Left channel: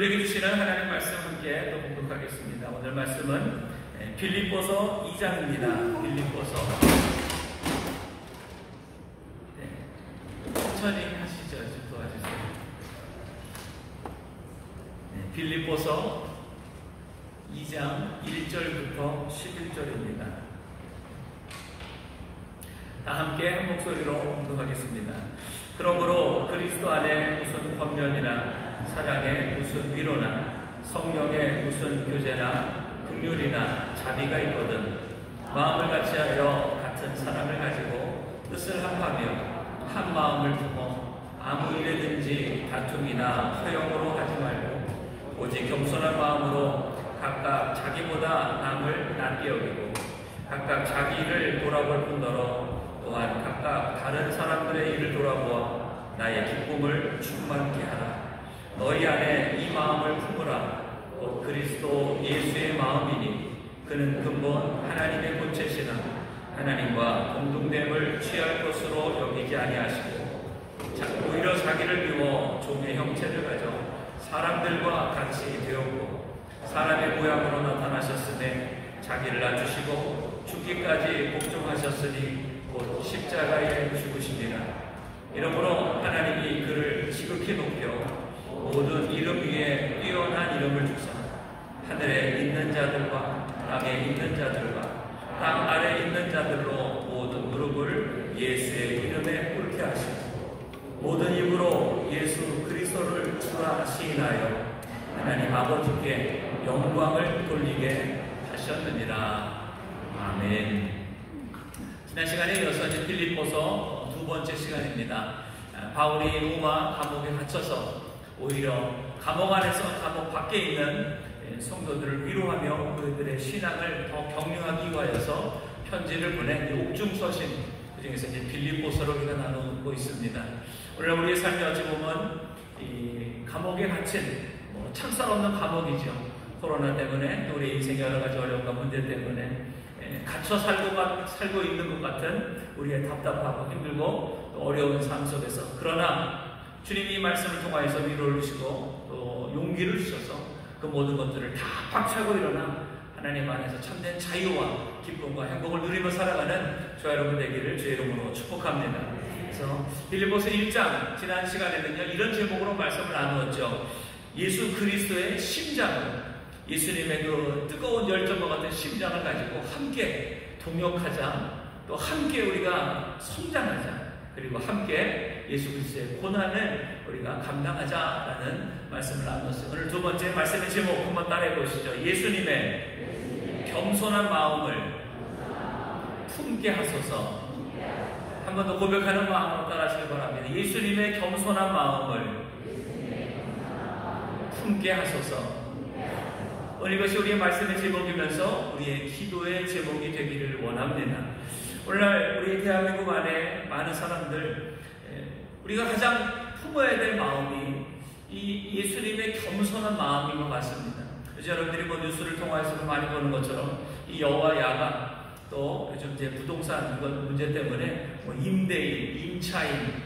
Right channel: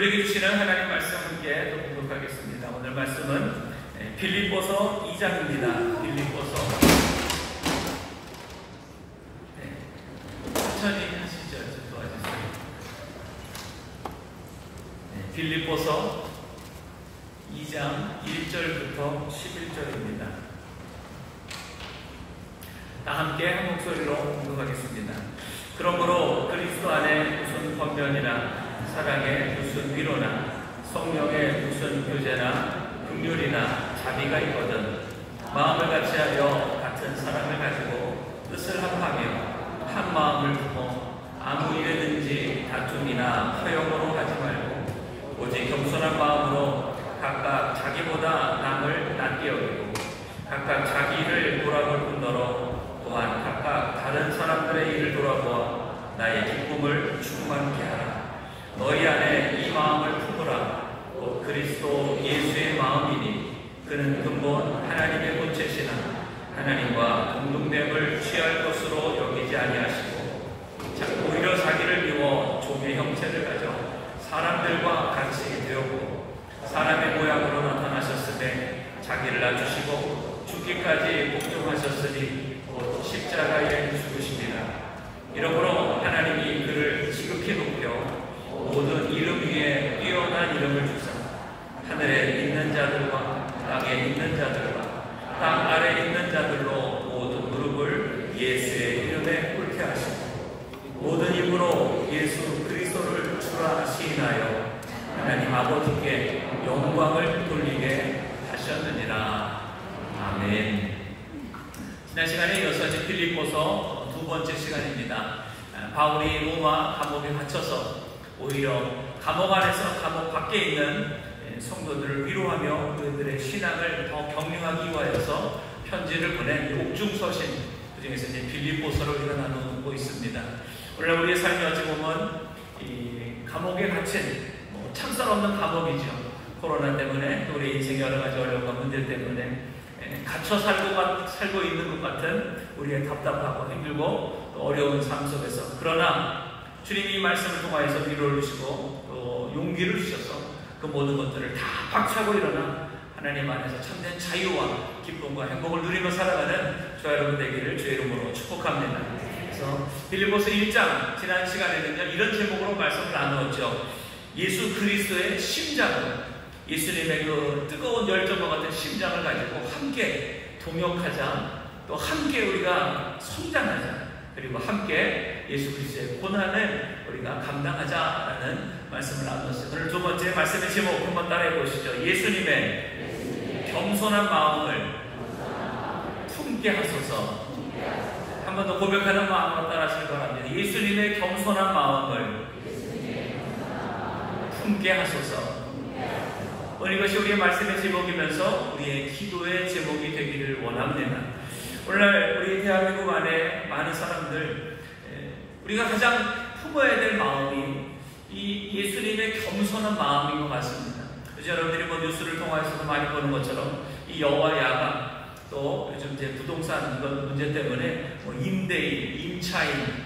우리에게 주시는 하나님 말씀 함께 또 공독하겠습니다. 오늘 말씀은 빌립보서 2장입니다. 빌립보서 천천히 하시죠. 좀 도와주세요. 빌립보서 2장 1절부터 11절입니다. 다 함께 한 목소리로 공독하겠습니다. 그러므로 그리스도 안에 무슨 권면이나 사랑에 무슨 위로나 성령에 무슨 교제나 긍휼이나 자비가 있거든 마음을 같이하여 같은 사랑을 가지고 뜻을 합하며 한 마음을 두고 아무 일에든지 다툼이나 허용으로 하지 말고 오직 겸손한 마음으로 각각 자기보다 남을 낫게 여기고 각각 자기를 돌아볼 뿐더러 또한 각각 다른 사람들의 일을 돌아보아 나의 기쁨을 충만케 하라. 너희 안에 이 마음을 품으라. 곧 그리스도 예수의 마음이니 그는 근본 하나님의 본체시나 하나님과 공동됨을 취할 것으로 여기지 아니하시고 오히려 자기를 비워 종의 형체를 가져 사람들과 같이 되었고 사람의 모양으로 나타나셨으되 자기를 낮추시고 죽기까지 복종하셨으니 곧 십자가에 죽으십니다. 이러므로 하나님이 그를 지극히 높여 모든 이름 위에 뛰어난 이름을 주사 하늘에 있는 자들과 땅에 있는 자들과 땅 아래에 있는 자들로 모든 무릎을 예수의 이름에 꿇게 하시고 모든 입으로 예수 그리스도를 주라 시인하여 하나님 아버지께 영광을 돌리게 하셨느니라. 아멘. 지난 시간에 이어서 빌립보서 두 번째 시간입니다. 바울이 로마 감옥에 갇혀서 오히려 감옥 안에서 감옥 밖에 있는 성도들을 위로하며 그들의 신앙을 더 격려하기 위하여서 편지를 보낸 옥중서신, 그 중에서 이제 빌립보서를 우리가 나누고 있습니다. 원래 우리의 삶이 어찌 보면 이 감옥에 갇힌 창살 없는 감옥이죠. 코로나 때문에 우리 인생의 여러 가지 어려움과 문제 때문에 갇혀 살고 있는 것 같은 우리의 답답하고 힘들고 또 어려운 삶 속에서, 그러나 주님이 말씀을 통하여서 위로를 주시고 또 용기를 주셔서 그 모든 것들을 다 박차고 일어나 하나님 안에서 참된 자유와 기쁨과 행복을 누리며 살아가는 저와 여러분 되기를 주의 이름으로 축복합니다. 그래서 빌립보서 1장 지난 시간에는요 이런 제목으로 말씀을 나누었죠. 예수 그리스도의 심장을, 예수님의 그 뜨거운 열정과 같은 심장을 가지고 함께 동역하자, 또 함께 우리가 성장하자, 그리고 함께 예수 그리스도의 고난을 우리가 감당하자라는 말씀을 나눴어요. 오늘 두 번째 말씀의 제목 한번 따라해 보시죠. 예수님의 겸손한 마음을 품게 하소서. 한 번 더 고백하는 마음으로 따라하시기 바랍니다. 예수님의 겸손한 마음을 품게 하소서. 오늘 이것이 우리의 말씀의 제목이면서 우리의 기도의 제목이 되기를 원합니다. 오늘날 우리 대한민국 안에 많은 사람들, 우리가 가장 품어야 될 마음이 이 예수님의 겸손한 마음인 것 같습니다. 그래서 여러분들이 뉴스를 통해서도 많이 보는 것처럼 이 여와 야가, 또 요즘 이제 부동산 이런 문제 때문에 임대인, 임차인,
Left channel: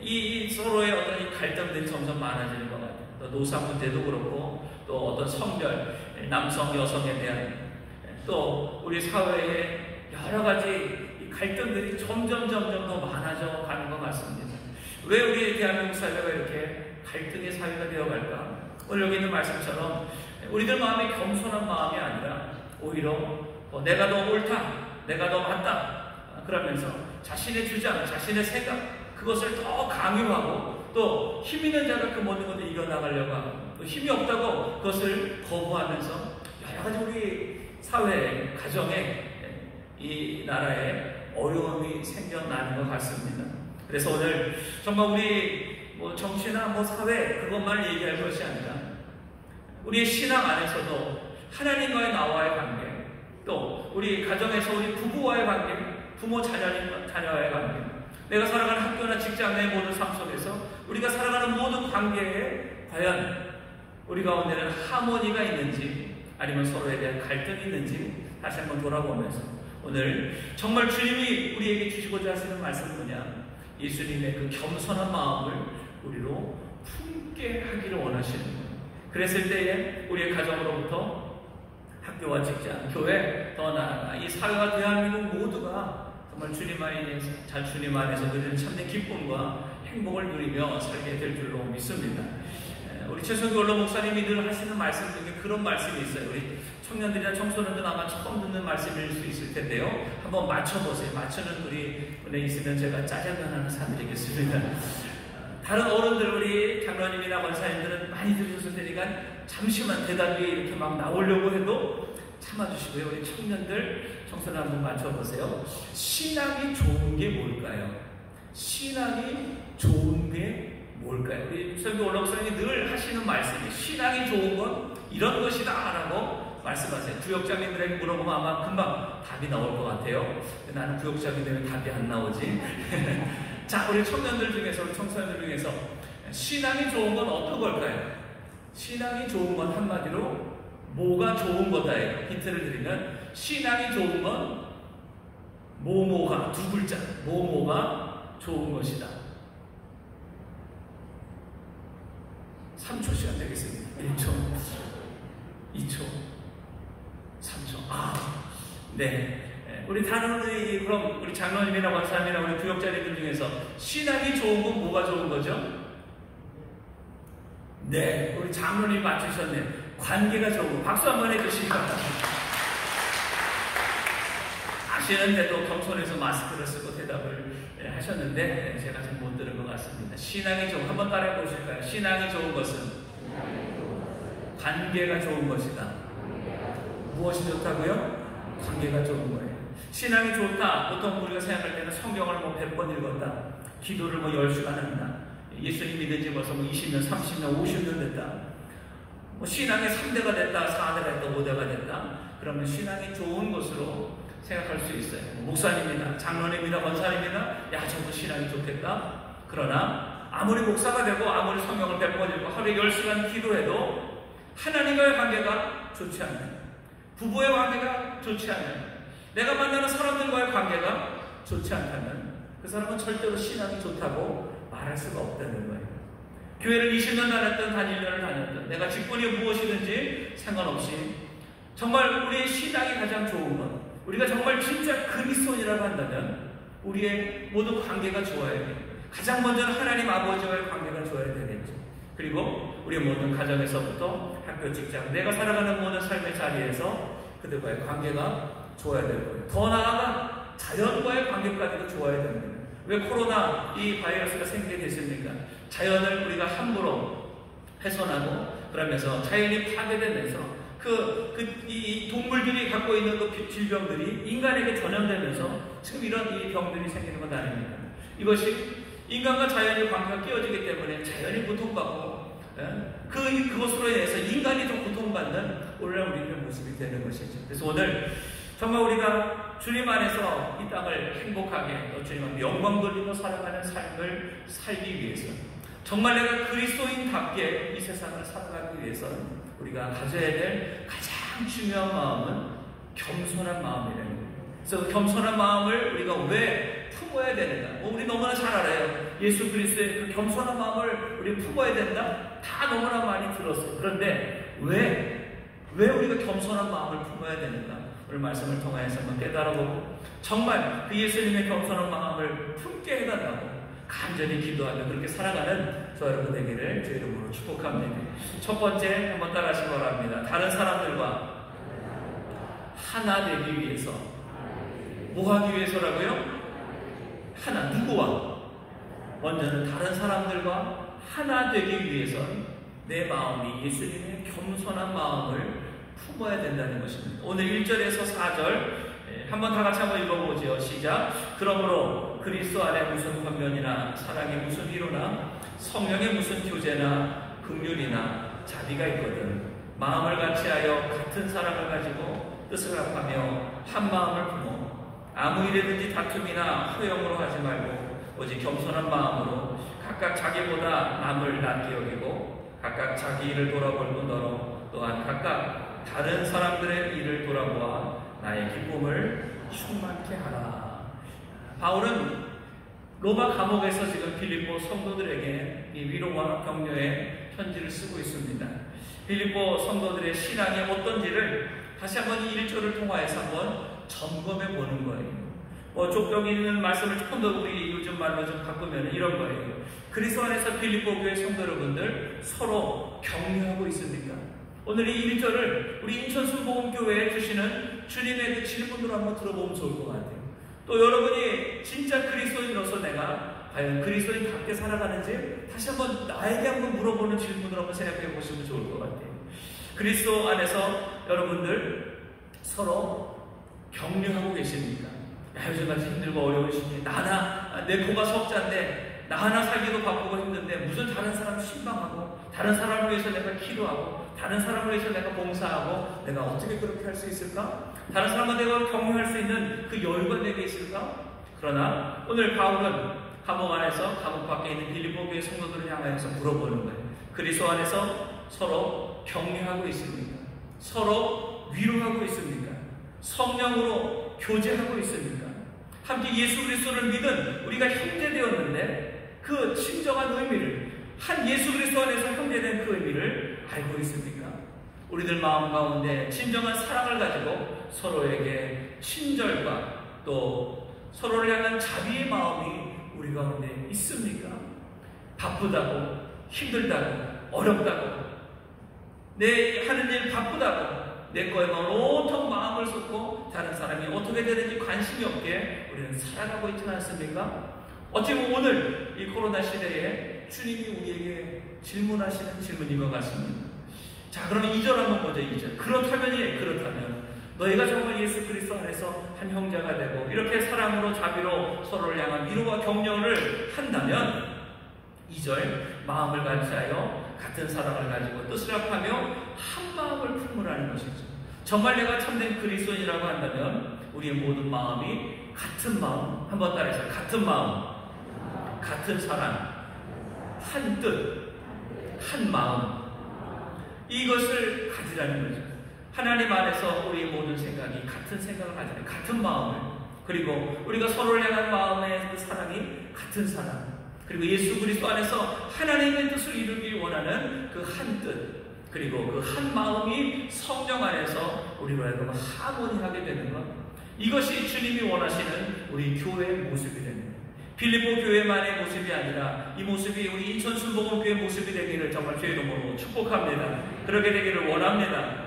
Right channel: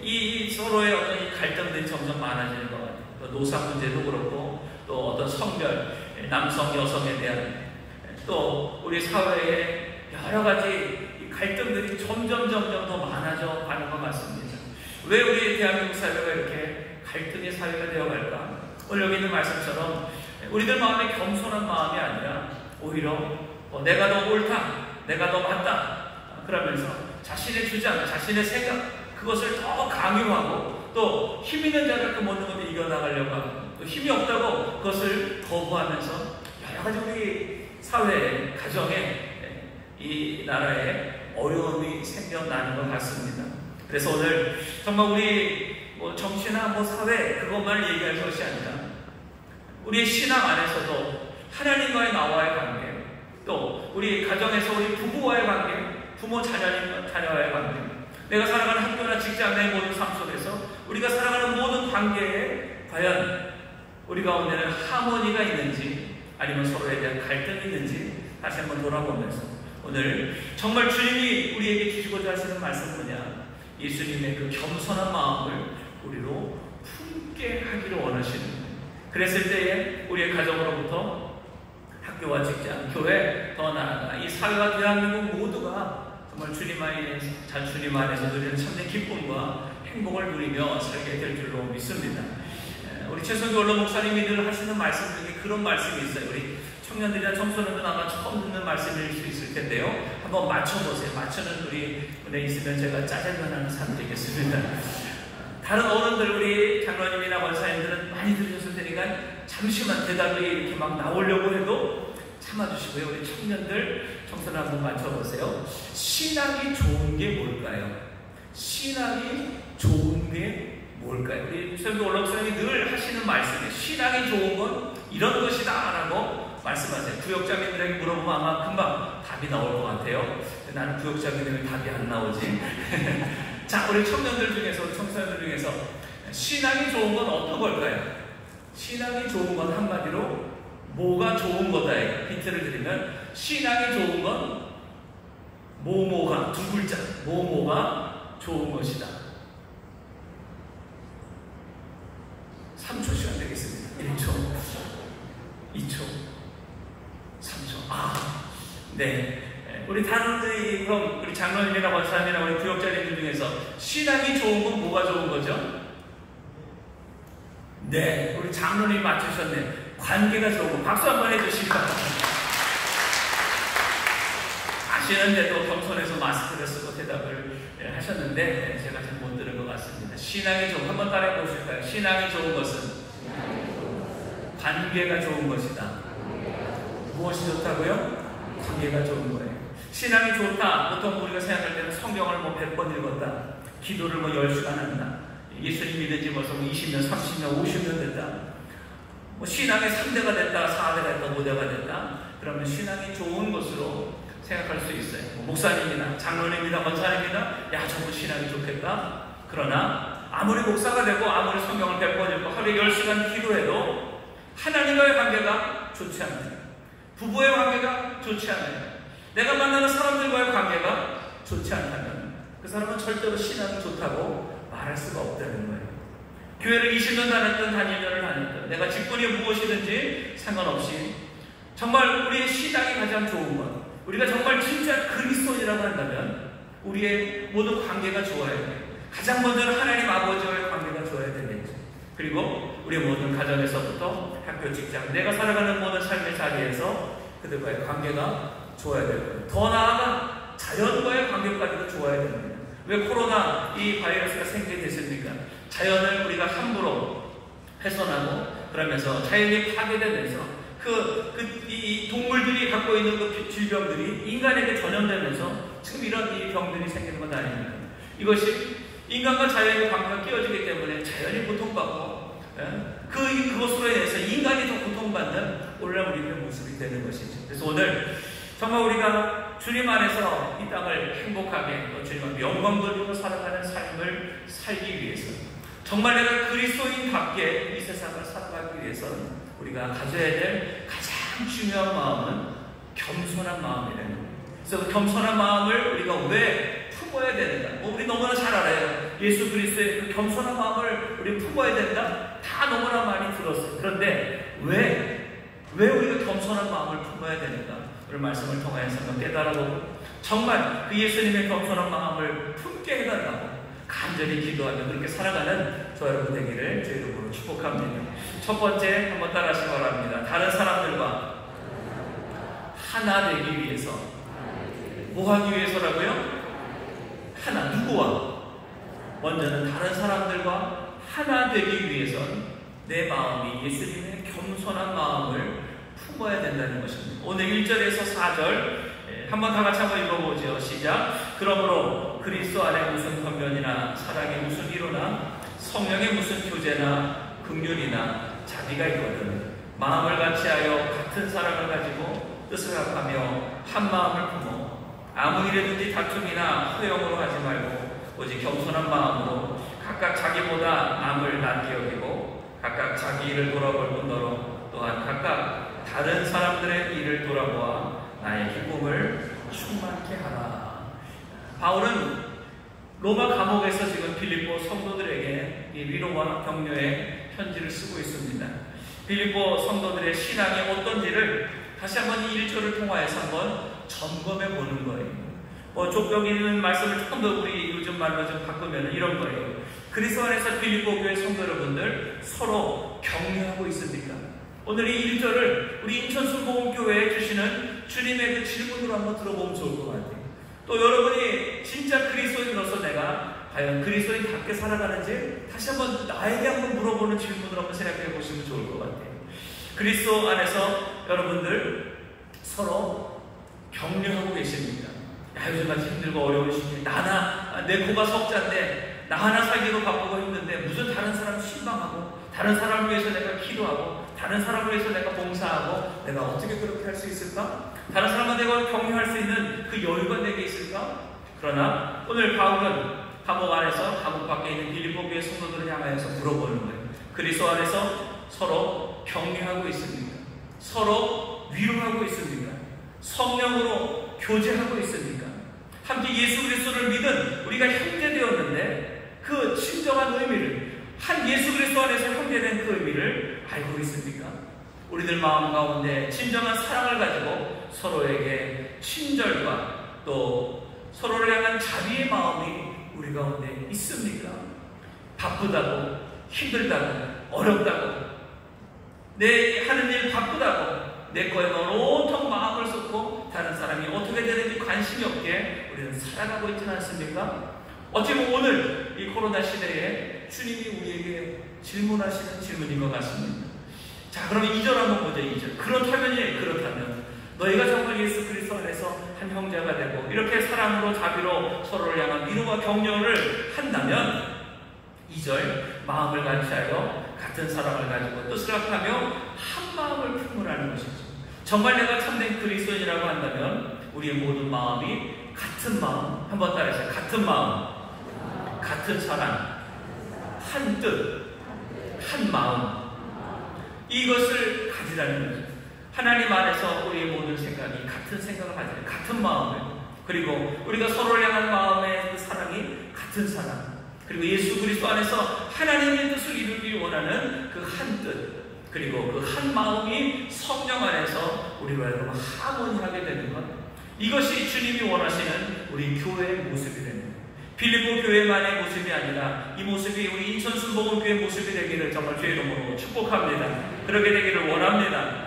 이 서로의 어떤 이 갈등들이 점점 많아지는 것 같아요. 또 노사 문제도 그렇고, 또 어떤 성별, 남성, 여성에 대한, 또 우리 사회에 여러 가지 갈등들이 점점 더 많아져 가는 것 같습니다. 왜 우리 대한민국 사회가 이렇게 갈등의 사회가 되어갈까? 오늘 여기 있는 말씀처럼 우리들 마음에 겸손한 마음이 아니라 오히려 내가 더 옳다, 내가 더 맞다, 그러면서 자신의 주장, 자신의 생각, 그것을 더 강요하고 또 힘 있는 자를 그 모든 것을 이겨나가려고 하고, 또 힘이 없다고 그것을 거부하면서 여러 가지 우리 사회에, 가정에, 이 나라에 어려움이 생겨나는 것 같습니다. 그래서 오늘 정말 우리 정치나 사회 그것만 얘기할 것이 아니라 우리의 신앙 안에서도 하나님과의 나와의 관계, 또 우리 가정에서 우리 부부와의 관계, 부모 자녀와의 관계, 내가 살아가는 학교나 직장 내 모든 삶 속에서 우리가 살아가는 모든 관계에 과연 우리 가운데는 하모니가 있는지 아니면 서로에 대한 갈등이 있는지 다시 한번 돌아보면서 오늘 정말 주님이 우리에게 주시고자 하시는 말씀은 뭐냐? 예수님의 그 겸손한 마음을 우리로 품게 하기를 원하시는, 그랬을 때에 우리의 가정으로부터 학교와 직장, 교회, 더 나아가 이 사회와 대한민국 모두가 정말 주님 안에서 누리는 참된 기쁨과 행복을 누리며 살게 될 줄로 믿습니다. 우리 최성교 원로 목사님이 늘 하시는 말씀 중에 그런 말씀이 있어요. 우리 청년들이나 청소년들 아마 처음 듣는 말씀일 수 있을 텐데요. 한번 맞춰보세요. 맞추는 우리 분에 있으면 제가 짜장면 하나 사드리겠습니다. 다른 어른들, 우리 장로님이나 원사님들은 많이 들으셨을 테니까 잠시만 대답이 이렇게 막 나오려고 해도 참아주시고요. 우리 청년들, 청소년 한번 맞춰보세요. 신앙이 좋은 게 뭘까요? 신앙이 좋은 게 뭘까요? 우리 설교 올라오사님이 늘 하시는 말씀이에요. 신앙이 좋은 건 이런 것이다 라고 말씀하세요. 구역장님들에게 물어보면 아마 금방 답이 나올 것 같아요. 나는 구역장님들에게 답이 안 나오지. 자, 우리 청년들 중에서, 우리 청소년들 중에서 신앙이 좋은 건 어떤 걸까요? 신앙이 좋은 건 한마디로 뭐가 좋은 거다예요. 힌트를 드리면 신앙이 좋은 건 뭐뭐가, 두 글자, 뭐뭐가 좋은 것이다. 3초 시간 되겠습니다. 1초, 2초, 3초. 네. 우리 다른 그럼 우리 장로님이나 원사님이나 우리 구역자님들 중에서 신앙이 좋은 건 뭐가 좋은 거죠? 네, 우리 장로님 맞추셨네. 관계가 좋은 거. 박수 한번 해주시고. 아시는데도 겸손해서 마스크를 쓰고 대답을 하셨는데 제가 잘 못 들은 것 같습니다. 신앙이 좋은, 한번 따라해 보실까요? 신앙이 좋은 것은 관계가 좋은 것이다. 무엇이 좋다고요? 관계가 좋은 거예요. 신앙이 좋다. 보통 우리가 생각할 때는 성경을 뭐 100번 읽었다. 기도를 뭐 10시간 한다. 예수님 믿은 지 벌써 20년, 30년, 50년 됐다. 뭐 신앙의 3대가 됐다, 4대가 됐다, 5대가 됐다. 그러면 신앙이 좋은 것으로 생각할 수 있어요. 뭐 목사님이나 장로님이나 권사님이나 야, 저분 신앙이 좋겠다. 그러나 아무리 목사가 되고 아무리 성경을 100번 읽고 하루에 10시간 기도해도 하나님과의 관계가 좋지 않아요. 부부의 관계가 좋지 않아요. 내가 만나는 사람들과의 관계가 좋지 않다면 그 사람은 절대로 신앙이 좋다고 말할 수가 없다는 거예요. 교회를 20년 다녔든 1년을 다녔든 내가 직분이 무엇이든지 상관없이 정말 우리의 신앙이 가장 좋은 것, 우리가 정말 진짜 그리스도인이라고 한다면 우리의 모든 관계가 좋아야 돼요. 가장 먼저는 하나님 아버지와의 관계가 좋아야 되겠죠. 그리고 우리 모든 가정에서부터 학교, 직장, 내가 살아가는 모든 삶의 자리에서 그들과의 관계가 좋아야 될 거예요. 더 나아가 자연과의 관계까지도 좋아야 됩니다. 왜 코로나 이 바이러스가 생기게 됐습니까? 자연을 우리가 함부로 훼손하고 그러면서 자연이 파괴되면서 이 동물들이 갖고 있는 그 질병들이 인간에게 전염되면서 지금 이런 이 병들이 생기는 건 아닙니다. 이것이 인간과 자연의 관계가 끼어지기 때문에 자연이 고통받고 그것으로 인해서 인간이 더 고통받는 오늘날 우리의 모습이 되는 것이죠. 그래서 오늘 정말 우리가 주님 안에서 이 땅을 행복하게 또 주님 앞에 영광 돌리며 살아가는 삶을 살기 위해서 정말 내가 그리스도인답게 이 세상을 살아가기 위해서는 우리가 가져야 될 가장 중요한 마음은 겸손한 마음이라는 거예요. 그래서 겸손한 마음을 우리가 왜 품어야 되는가? 우리 너무나 잘 알아요. 예수 그리스도의 그 겸손한 마음을 우리 품어야 된다? 다 너무나 많이 들었어요. 그런데 왜 우리가 겸손한 마음을 품어야 되는가? 오늘 말씀을 통해서 한번 깨달아보고 정말 그 예수님의 겸손한 마음을 품게 해달라고 간절히 기도하며 그렇게 살아가는 저 여러분 되기를 주 이름으로 축복합니다. 첫 번째 한번 따라하시기 바랍니다. 다른 사람들과 하나 되기 위해서 뭐 하기 위해서라고요? 하나, 누구와? 먼저는 다른 사람들과 하나 되기 위해서는 내 마음이 예수님의 겸손한 마음을 품어야 된다는 것입니다. 오늘 1절에서 4절 한번 다 같이 한번 읽어보죠. 시작. 그러므로 그리스도 안에 무슨 권면이나 사랑에 무슨 위로나 성령의 무슨 교제나 긍휼이나 자비가 있거든 마음을 같이하여 같은 사랑을 가지고 뜻을 합하며 한 마음을 품어 아무 일에든지 다툼이나 허영으로 하지 말고 오직 겸손한 마음으로 각각 자기보다 남을 낮게 여기고 각각 자기 일을 돌아볼 뿐더러 또한 각각 다른 사람들의 일을 돌아보아 나의 기쁨을 충만케 하라. 바울은 로마 감옥에서 지금 빌립보 성도들에게 이 위로와 격려의 편지를 쓰고 있습니다. 빌립보 성도들의 신앙이 어떤지를 다시 한번 이 1절을 통하여서 한번 점검해 보는 거예요. 족벽 있는 말씀을 조금 더 우리 요즘 말로 좀 바꾸면 이런 거예요. 그리스도 안에서 빌립보 교회 성도 여러분들 서로 격려하고 있습니까? 오늘 이 1절을 우리 인천순복음교회에 주시는 주님의 그 질문으로 한번 들어보면 좋을 것 같아요. 또 여러분이 진짜 그리스도인으로서 내가 과연 그리스도인답게 살아가는지 다시 한번 나에게 한번 물어보는 질문으로 한번 생각해 보시면 좋을 것 같아요. 그리스도 안에서 여러분들 서로 격려하고 계십니다. 요즘같이 힘들고 어려운 시기에 내 코가 석자인데 나 하나 살기도 바쁘고 힘든데 무슨 다른 사람 실망하고 다른 사람을 위해서 내가 기도하고 다른 사람을 위해서 내가 봉사하고 내가 어떻게 그렇게 할 수 있을까? 다른 사람을 내가 격려할 수 있는 그 여유가 내게 있을까? 그러나 오늘 바울은 감옥 안에서 감옥 밖에 있는 빌립보 교회 성도들을 향하여서 물어보는 거예요. 그리스도 안에서 서로 격려하고 있습니까? 서로 위로하고 있습니까? 성령으로 교제하고 있습니까? 함께 예수 그리스도를 믿은 우리가 형제되었는데 그 진정한 의미를 한 예수 그리스도 안에서 형제된 그 의미를 알고 있습니까? 우리들 마음 가운데 진정한 사랑을 가지고 서로에게 친절과 또 서로를 향한 자비의 마음이 우리 가운데 있습니까? 바쁘다고 힘들다고 어렵다고 내 하는 일 바쁘다고 내 거에만 온통 마음을 쏟고 다른 사람이 어떻게 되는지 관심이 없게 우리는 살아가고 있지는 않습니까? 어찌 보면 오늘 이 코로나 시대에 주님이 우리에게 질문하시는 질문인 것 같습니다. 자, 그러면 2절 한번 보자. 2절. 그렇다면 너희가 정말 예수 그리스도 안에서 한 형제가 되고 이렇게 사랑으로 자비로 서로를 향한 위로와 격려를 한다면 2절 마음을 같이하여 같은 사랑을 가지고 뜻을 합하며 한 마음을 품으라는 것이죠. 정말 내가 참된 그리스도인이라고 한다면 우리의 모든 마음이 같은 마음, 한번 따라해서 같은 마음, 같은 사랑, 한 뜻, 한 마음, 이것을 가지라는 거죠. 하나님 안에서 우리의 모든 생각이 같은 생각을 가지고 같은 마음을, 그리고 우리가 서로를 향한 마음의 그 사랑이 같은 사랑, 그리고 예수 그리스도 안에서 하나님의 뜻을 이루길 원하는 그 한 뜻, 그리고 그 한 마음이 성령 안에서 우리로 하여금 하모니하게 되는 것, 이것이 주님이 원하시는 우리 교회의 모습이 되는 것. 빌립보 교회만의 모습이 아니라 이 모습이 우리 인천순복음교회 모습이 되기를 정말 주의 이름으로 축복합니다. 그렇게 되기를 원합니다.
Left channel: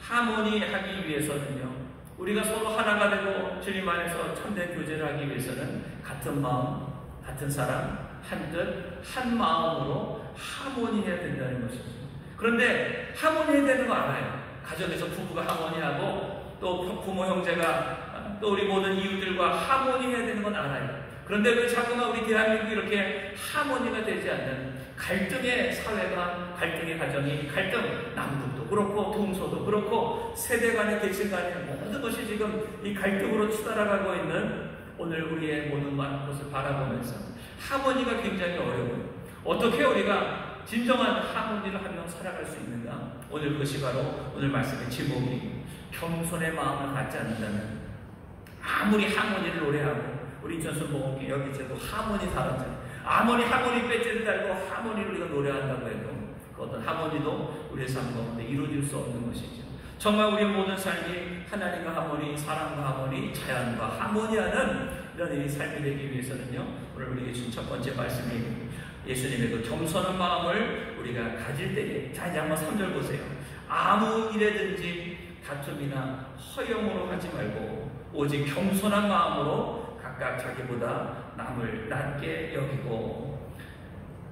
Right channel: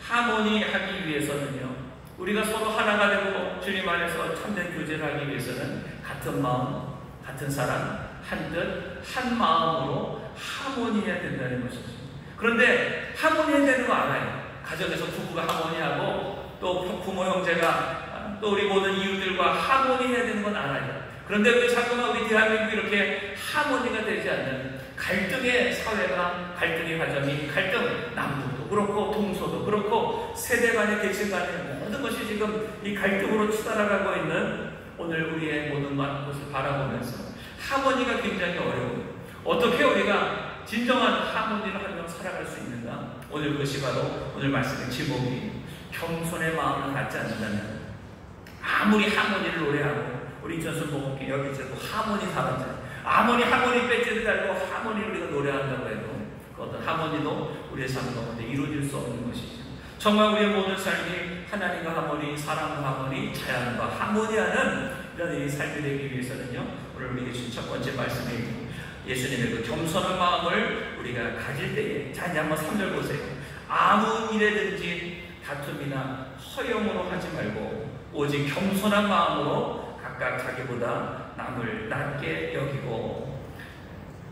하모니하기 위해서는요, 우리가 서로 하나가 되고 주님 안에서 참된 교제를 하기 위해서는 같은 마음, 같은 사랑, 한 뜻, 한 마음으로 하모니해야 된다는 것이죠. 그런데 하모니해야 되는 거 알아요. 가정에서 부부가 하모니하고 또 부모 형제가 또 우리 모든 이웃들과 하모니해야 되는 건 알아요. 그런데 왜 자꾸만 우리 대한민국이 이렇게 하모니가 되지 않는 갈등의 사회가, 갈등의 가정이, 갈등, 남북도 그렇고 동서도 그렇고 세대 간의 계층 간의 모든 것이 지금 이 갈등으로 치달아가고 있는 오늘 우리의 모든 것을 바라보면서 하모니가 굉장히 어려워요. 어떻게 우리가 진정한 하모니를 하며 살아갈 수 있는가? 오늘 그것이 바로 오늘 말씀의 제목이 겸손의 마음을 갖지 않는다면, 아무리 하모니를 노래하고 우리 인천순복음교회 여기저기 하모니 사람들 아무리 하모니 배지를 달고 하모니를 우리가 노래한다고 해도 그 어떤 하모니도 우리의 삶 가운데 이루어질 수 없는 것이죠. 정말 우리의 모든 삶이 하나님과 하모니, 사랑과 하모니, 자연과 하모니하는 이런 이 삶이 되기 위해서는요, 오늘 우리에게 주신 첫 번째 말씀이 예수님의 그 겸손한 마음을 우리가 가질 때에, 자 이제 한번 3절 보세요. 아무 일에든지 다툼이나 허영으로 하지 말고 오직 겸손한 마음으로 각각 자기보다 남을 낮게 여기고,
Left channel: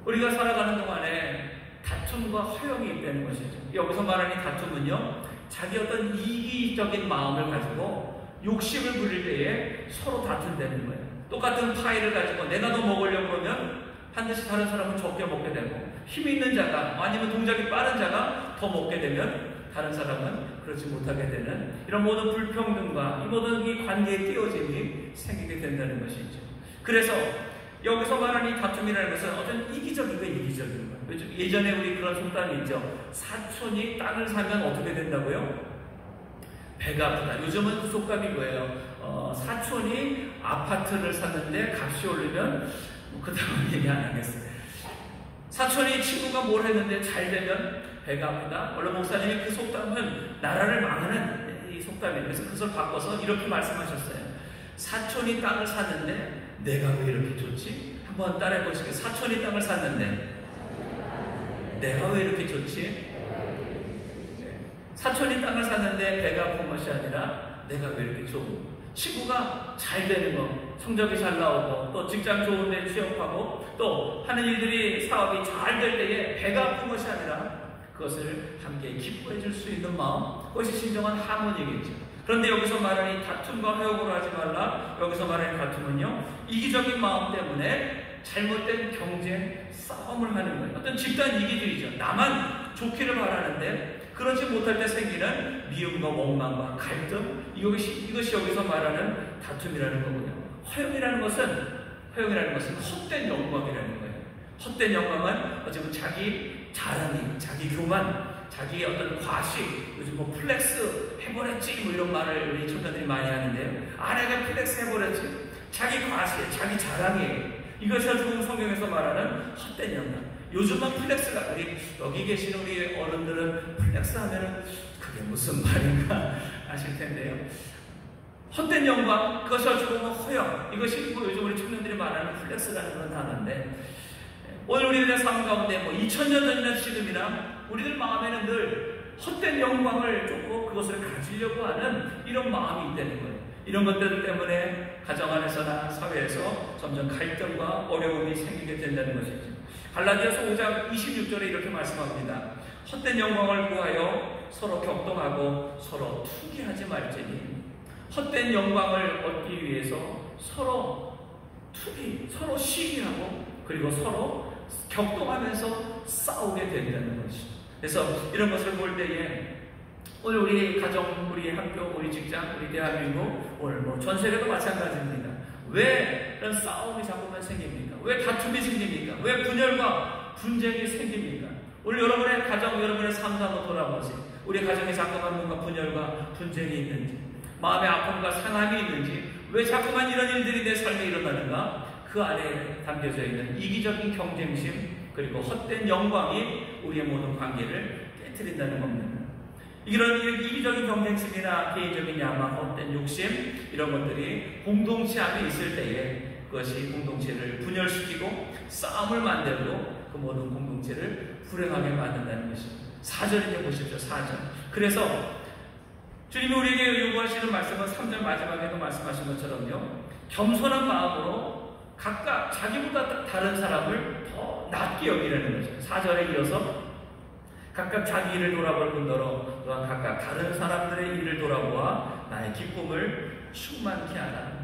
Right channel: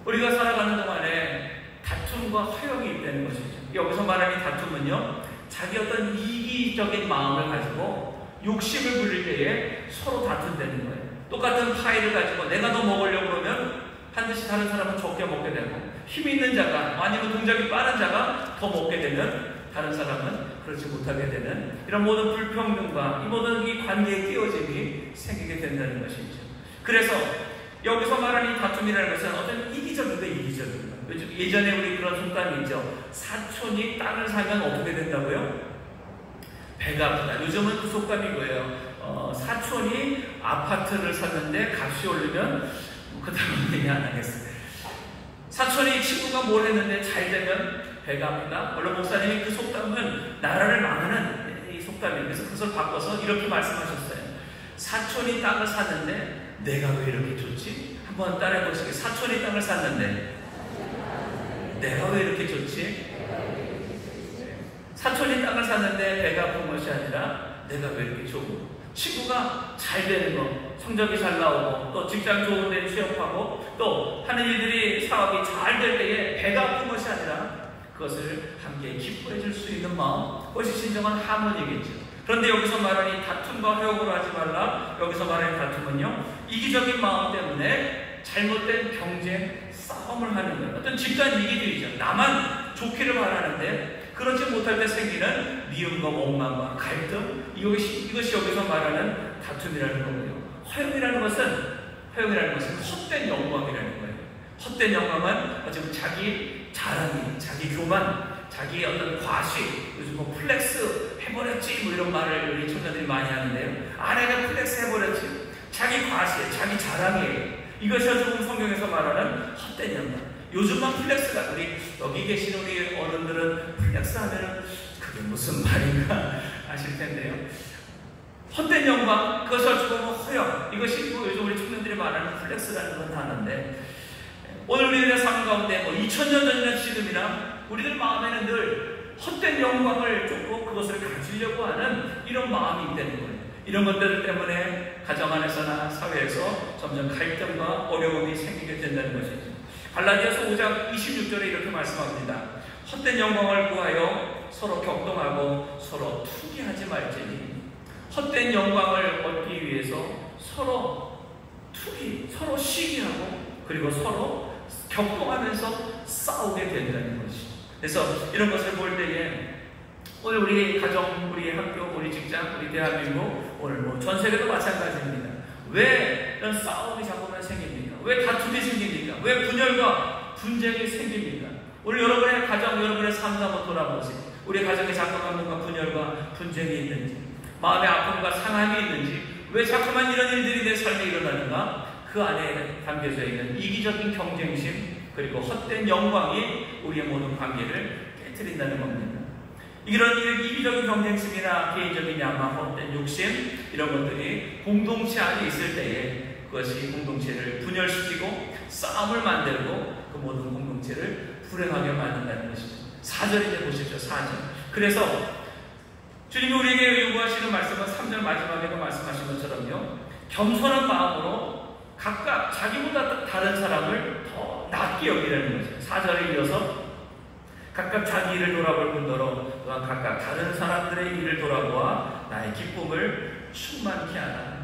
우리가 살아가는 동안에 다툼과 허영이 있다는 것이죠. 여기서 말하는 다툼은요, 자기 어떤 이기적인 마음을 가지고 욕심을 부릴 때에 서로 다툰다는 거예요. 똑같은 파이를 가지고 내가 더 먹으려고 그러면 반드시 다른 사람은 적게 먹게 되고, 힘 있는 자가 아니면 동작이 빠른 자가 더 먹게 되면 다른 사람은 그렇지 못하게 되는 이런 모든 불평등과 이 모든 이 관계의 띄어짐이 생기게 된다는 것이죠. 그래서 여기서 말하는 이 다툼이라는 것은 어떤 이기적인가 이기적인가. 예전에 우리 그런 속담이 있죠. 사촌이 땅을 사면 어떻게 된다고요? 배가 아프다. 요즘은 그 속담인 거예요. 사촌이 아파트를 샀는데 값이 오르면 그 다음 얘기 안 하겠어요. 사촌이 친구가 뭘 했는데 잘 되면 배가 아프다. 물론 목사님이 그 속담은 나라를 망하는 이 속담이에요. 그래서 그것을 바꿔서 이렇게 말씀하셨어요. 사촌이 땅을 샀는데 내가 왜 이렇게 좋지? 한번 따라해 보시게. 사촌이 땅을 샀는데 내가 왜 이렇게 좋지? 사촌이 땅을 샀는데 배가 아픈 것이 아니라 내가 왜 이렇게 좋고, 친구가 잘 되는 거, 성적이 잘 나오고, 또 직장 좋은 데 취업하고, 또 하는 일들이, 사업이 잘 될 때에 배가 아픈 것이 아니라 그것을 함께 기뻐해 줄 수 있는 마음, 그것이 진정한 하모니겠지. 그런데 여기서 말하는 다툼과 회복으로 하지 말라. 여기서 말하는 다툼은요, 이기적인 마음 때문에 잘못된 경쟁, 싸움을 하는 거예요. 어떤 집단 이기주의죠. 나만 좋기를 바라는데 그렇지 못할 때 생기는 미움과 원망과 갈등, 이것이 여기서 말하는 다툼이라는 거고요. 허용이라는 것은 헛된 영광이라는 거예요. 헛된 영광은 어쩌면 자기 자랑이, 자기 교만, 자기 어떤 과식, 요즘 뭐 플렉스 해버렸지 뭐 이런 말을 우리 청년들이 많이 하는데요. 아내가 플렉스 해버렸지, 자기 과식, 자기 자랑이에요. 이것이 어쩌면 성경에서 말하는 헛된 영광. 요즘만 플렉스가, 우리 여기 계신 우리 어른들은 플렉스 하면은 그게 무슨 말인가 아실 텐데요. 헛된 영광, 그것을 주고 허영, 이것이 요즘 우리 청년들이 말하는 플렉스라는 건 단어인데, 오늘 우리들의 삶 가운데 2000년 전이나 지금이나 우리들 마음에는 늘 헛된 영광을 쫓고 그것을 가지려고 하는 이런 마음이 있다는 거예요. 이런 것들 때문에 가정 안에서나 사회에서 점점 갈등과 어려움이 생기게 된다는 것이죠. 갈라디아서 5장 26절에 이렇게 말씀합니다. 헛된 영광을 구하여 서로 격동하고 서로 투기하지 말지니. 헛된 영광을 얻기 위해서 서로 투기, 서로 시기하고 그리고 서로 격동하면서 싸우게 된다는 것이죠. 그래서 이런 것을 볼 때에 오늘 우리 가정, 우리 학교, 우리 직장, 우리 대한민국, 오늘 전 세계도 마찬가지입니다. 왜 이런 싸움이 자꾸만 생깁니까? 왜 다툼이 생깁니까? 왜 분열과 분쟁이 생깁니까? 오늘 여러분의 가정, 여러분의 삶을 한번 돌아보세요. 우리 가정에 자꾸만 뭔가 분열과 분쟁이 있는지, 마음의 아픔과 상함이 있는지, 왜 자꾸만 이런 일들이 내 삶에 일어나는가? 그 안에 담겨져 있는 이기적인 경쟁심, 그리고 헛된 영광이 우리의 모든 관계를 깨트린다는 겁니다. 이런 이기적인 경쟁심이나 개인적인 야망, 헛된 욕심, 이런 것들이 공동체 안에 있을 때에 그것이 공동체를 분열시키고 싸움을 만들고 그 모든 공동체를 불행하게 만든다는 것이죠. 4절에 보십시오. 4절. 그래서 주님이 우리에게 요구하시는 말씀은 3절 마지막에 말씀하신 것처럼요, 겸손한 마음으로 각각 자기보다 다른 사람을 더 낫게 여기라는 거죠. 4절에 이어서 각각 자기 일을 돌아볼 뿐더러 또한 각각 다른 사람들의 일을 돌아보아 나의 기쁨을 충만케 하라.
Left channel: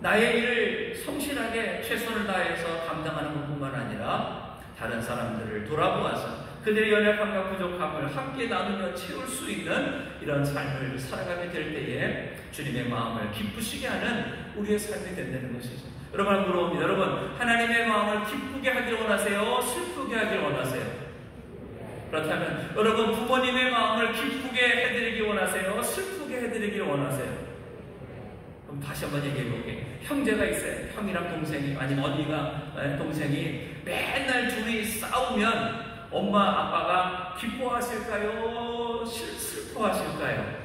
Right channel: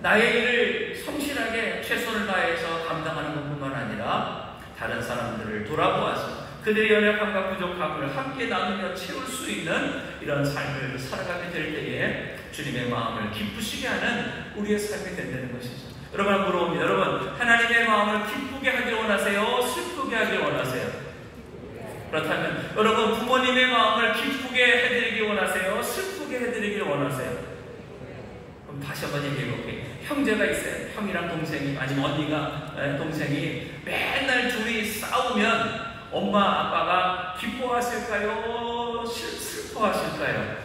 나의 일을 성실하게 최선을 다해서 감당하는 것뿐만 아니라 다른 사람들을 돌아보아서 그들의 연약함과 부족함을 함께 나누며 채울 수 있는 이런 삶을 살아가게 될 때에 주님의 마음을 기쁘시게 하는 우리의 삶이 된다는 것이죠. 여러분, 물어봅니다. 여러분, 하나님의 마음을 기쁘게 하길 원하세요? 슬프게 하길 원하세요? 그렇다면 여러분, 부모님의 마음을 기쁘게 해드리길 원하세요? 슬프게 해드리길 원하세요? 그럼 다시 한번 얘기해 볼게요. 형제가 있어요. 형이랑 동생이, 아니면 언니가 동생이 맨날 둘이 싸우면 엄마 아빠가 기뻐하실까요? 슬퍼하실까요?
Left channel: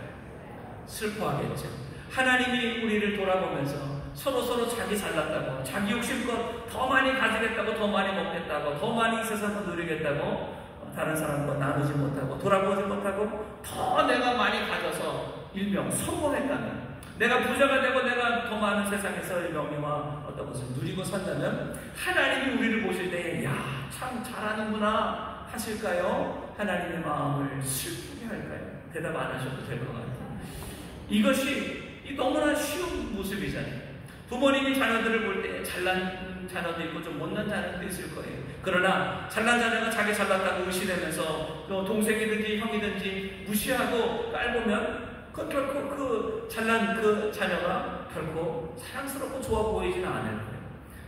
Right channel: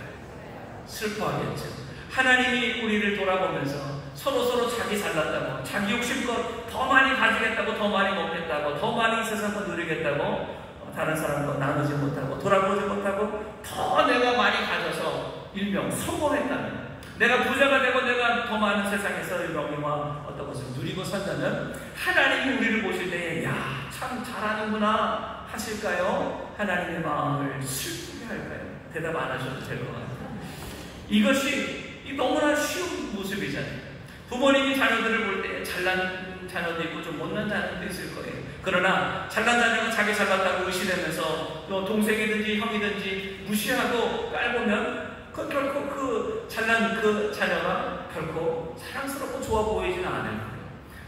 슬퍼하겠죠. 하나님이 우리를 돌아보면서 서로 자기 잘났다고, 자기 욕심껏 더 많이 가지겠다고, 더 많이 먹겠다고, 더 많이 이 세상을 누리겠다고, 다른 사람과 나누지 못하고 돌아보지 못하고 더 내가 많이 가져서 일명 성공했다면, 내가 부자가 되고 내가 더 많은 세상에서 영예와 어떤 것을 누리고 산다면 하나님이 우리를 보실 때에 야, 참 잘하는구나 하실까요? 하나님의 마음을 슬프게 할까요? 대답 안 하셔도 될 것 같아요. 이것이 너무나 쉬운 모습이잖아요. 부모님이 자녀들을 볼 때 잘난 자녀도 있고 좀 못난 자녀도 있을 거예요. 그러나 잘난 자녀는 자기 잘났다고 의심하면서 또 동생이든지 형이든지 무시하고 깔보면 그 결코 그 잘난 그 자녀가 결코 사랑스럽고 좋아 보이지는 않을 거예요.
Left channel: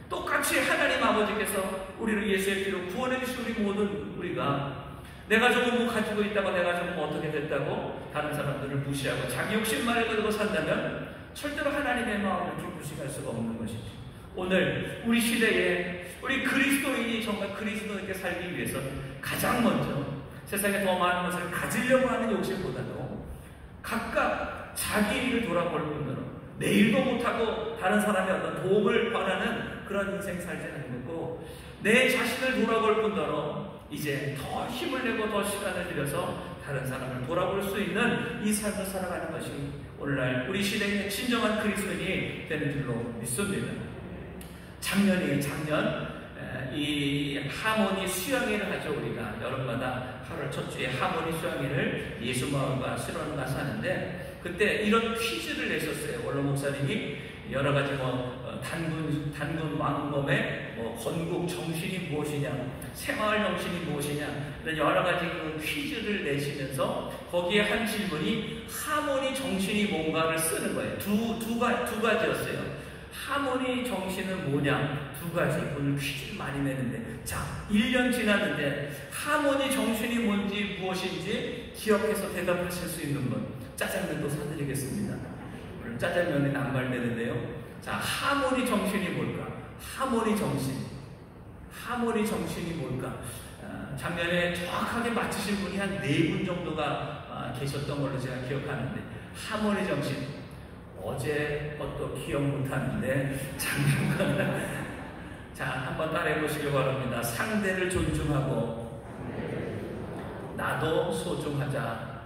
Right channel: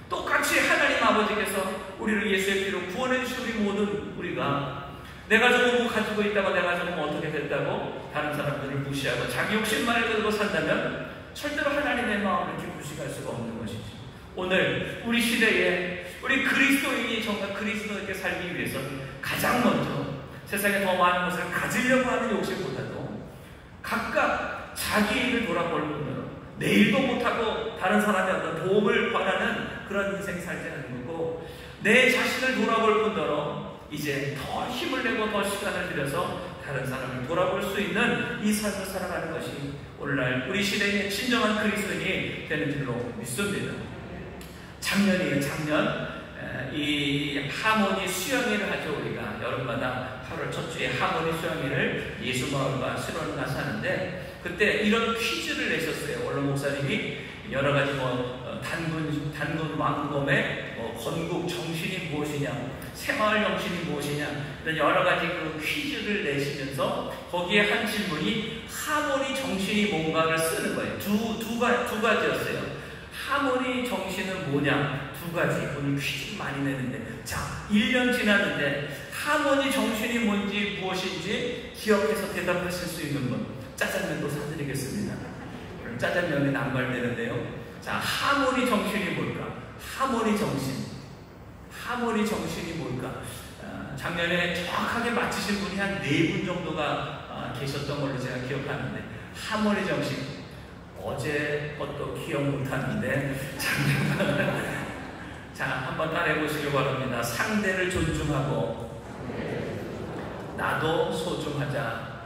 똑같이 하나님 아버지께서 우리를 예수의 피로 구원해 주신 우리 모든 우리가 내가 조금 가지고 있다고, 내가 조금 어떻게 됐다고 다른 사람들을 무시하고 자기 욕심만을 가지고 산다면 절대로 하나님의 마음을 기쁘시게 할 수가 없는 것이죠. 오늘 우리 시대에 우리 그리스도인이 정말 그리스도인께 살기 위해서 가장 먼저 세상에 더 많은 것을 가지려고 하는 욕심보다도 각각 자기 일을 돌아볼 뿐더러 내일도 못하고 다른 사람의 어떤 도움을 바라는 그런 인생 살지 않는 거고, 내 자신을 돌아볼 뿐더러 이제 더 힘을 내고 더 시간을 들여서 다른 사람을 돌아볼 수 있는 이 삶을 살아가는 것이 오늘날 우리 시대의 진정한 그리스도인이 되는 줄로 믿습니다. 작년 이 하모니 수양회를 하죠. 우리가 여름마다 8월 첫 주에 하모니 수양회를 예수마을과 수련을 가서 하는데, 그때 이런 퀴즈를 내셨어요. 원로 목사님이 여러 가지 단군 왕검의 건국 정신이 무엇이냐, 새마을 정신이 무엇이냐, 이런 여러 가지 그 퀴즈를 내시면서 거기에 한 질문이 하모니 정신이 뭔가를 쓰는 거예요. 두 가지였어요. 하모니 정신은 뭐냐, 두 가지. 본인 퀴즈를 많이 내는데, 자, 1년 지났는데 하모니 정신이 뭔지 무엇인지 기억해서 대답하실 수 있는 분, 짜장면도 사드리겠습니다. 오늘 짜장면이 남발되는데요. 자, 하모니 정신이 뭘까? 하모니 정신이 뭘까? 작년에 정확하게 맞히신 분이 한 4분 정도가 계셨던 걸로 제가 기억하는데, 하모니 정신, 어제 것도 기억 못하는데 작년 자, 한번 따라해 보시기 바랍니다. 상대를 존중하고 나도 소중하자.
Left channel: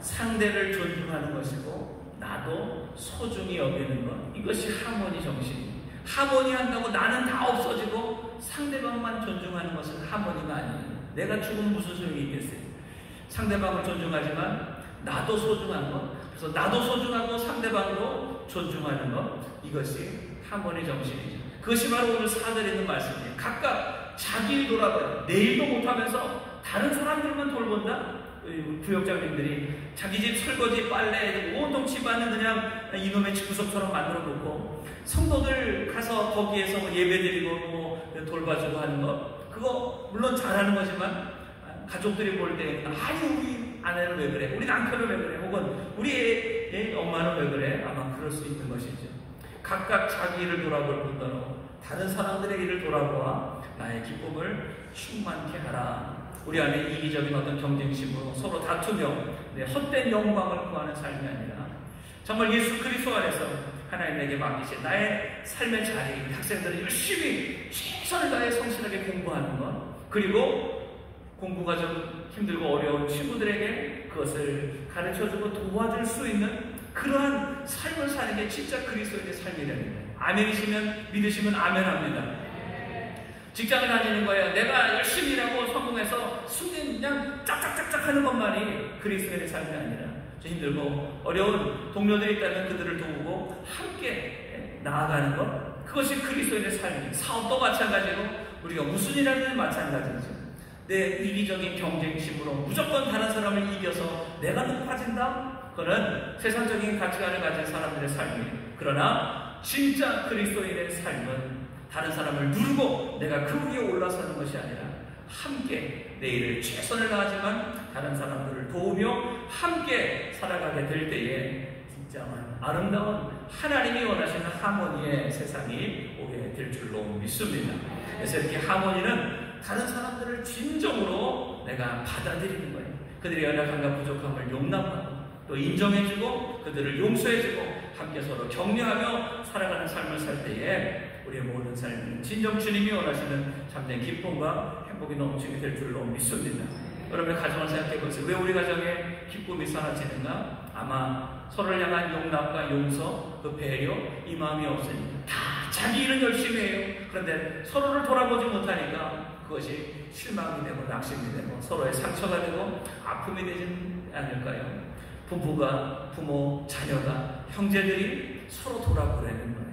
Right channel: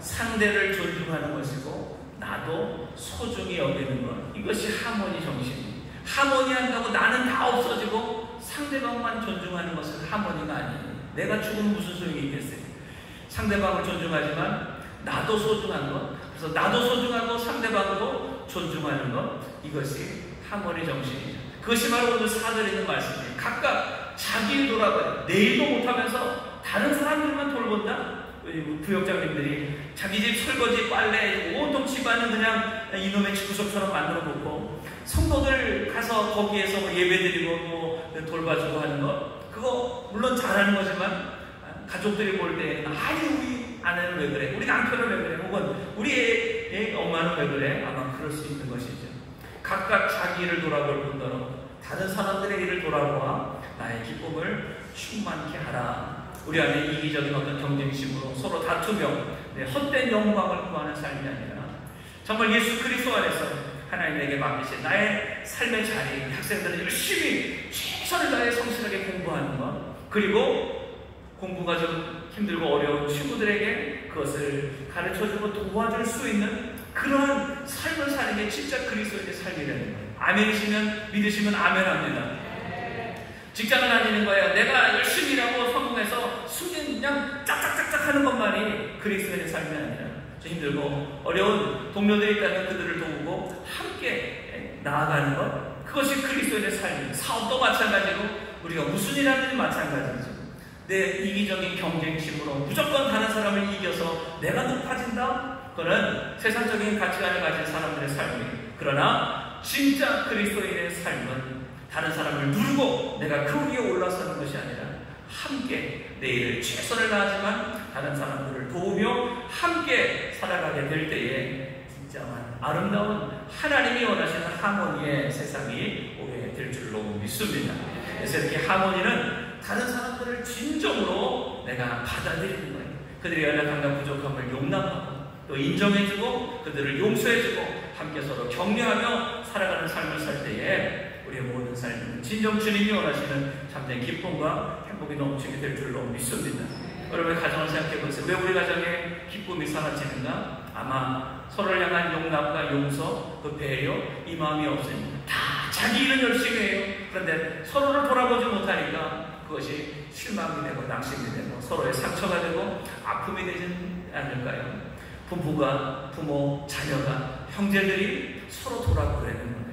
상대를 존중하는 것이고 나도 소중히 여기는 것, 이것이 하모니 정신입니다. 하모니 한다고 나는 다 없어지고 상대방만 존중하는 것은 하모니가 아니에요. 내가 죽으면 무슨 소용이 있겠어요. 상대방을 존중하지만 나도 소중한 것, 그래서 나도 소중하고 상대방도 존중하는 것, 이것이 하모니 정신이죠. 그것이 바로 오늘 사드리는 말씀이에요. 각각 자기 돌아봐요. 내일도 못하면서 다른 사람들만 돌본다? 부역장님들이 자기 집 설거지, 빨래, 온통 집안은 그냥 이놈의 구석처럼 만들어 놓고, 성도들 가서 거기에서 예배 드리고 돌봐주고 하는 것, 그거 물론 잘하는 거지만 가족들이 볼 때 아니 우리 아내는 왜 그래, 우리 남편은 왜 그래, 혹은 우리 애 엄마는 왜 그래, 아마 그럴 수 있는 것이죠. 각각 자기 일을 돌아볼 뿐더러 다른 사람들의 일을 돌아보아 나의 기쁨을 충만케 하라. 우리 안에 이기적인 어떤 경쟁심으로 서로 다투며 헛된 영광을 구하는 삶이 아니라 정말 예수 그리스도 안에서 하나님 내게 맡기신 나의 삶의 자리, 학생들은 열심히 최선을 다해 성실하게 공부하는 것, 그리고 공부가 좀 힘들고 어려운 친구들에게 그것을 가르쳐주고 도와줄 수 있는 그러한 삶을 사는 게 진짜 그리스도인의 삶이라는 거예요. 아멘이시면, 믿으시면 아멘합니다. 직장을 다니는 거예요. 내가 열심히 일하고 성공해서 수년 그냥 짝짝짝짝 하는 것만이 그리스도인의 삶이 아니라, 좀 힘들고 어려운 동료들이 있다면 그들을 도우고 함께 나아가는 것, 그것이 그리스도인의 삶이에요. 사업도 마찬가지고 우리가 무슨 일 하는지 마찬가지죠. 내 이기적인 경쟁심으로 무조건 다른 사람을 이겨서 내가 높아진다? 그거는 세상적인 가치관을 가진 사람들의 삶이에요. 그러나 진짜 그리스도인의 삶은 다른 사람을 누르고 내가 그 위에 올라서는 것이 아니라 함께 내일 최선을 다하지만 다른 사람들을 도우며 함께 살아가게 될 때에 진짜 아름다운 하나님이 원하시는 하모니의 세상이 오게 될 줄로 믿습니다. 그래서 이렇게 하모니는 다른 사람들을 진정으로 내가 받아들이는 거예요. 그들의 연약함과 부족함을 용납하고 또 인정해주고 그들을 용서해주고 함께 서로 격려하며 살아가는 삶을 살 때에 우리의 모든 삶은 진정 주님이 원하시는 참된 기쁨과 행복이 넘치게 될 줄로 믿습니다. 여러분의 가정을 생각해 보세요. 왜 우리 가정에 기쁨이 사라지는가? 아마 서로를 향한 용납과 용서, 그 배려, 이 마음이 없으니 다 자기 일을 열심히 해요. 그런데 서로를 돌아보지 못하니까 그것이 실망이 되고 낙심이 되고 서로의 상처가 되고 아픔이 되지 않을까요? 부부가, 부모, 자녀가, 형제들이 서로 돌아보려는 거예요.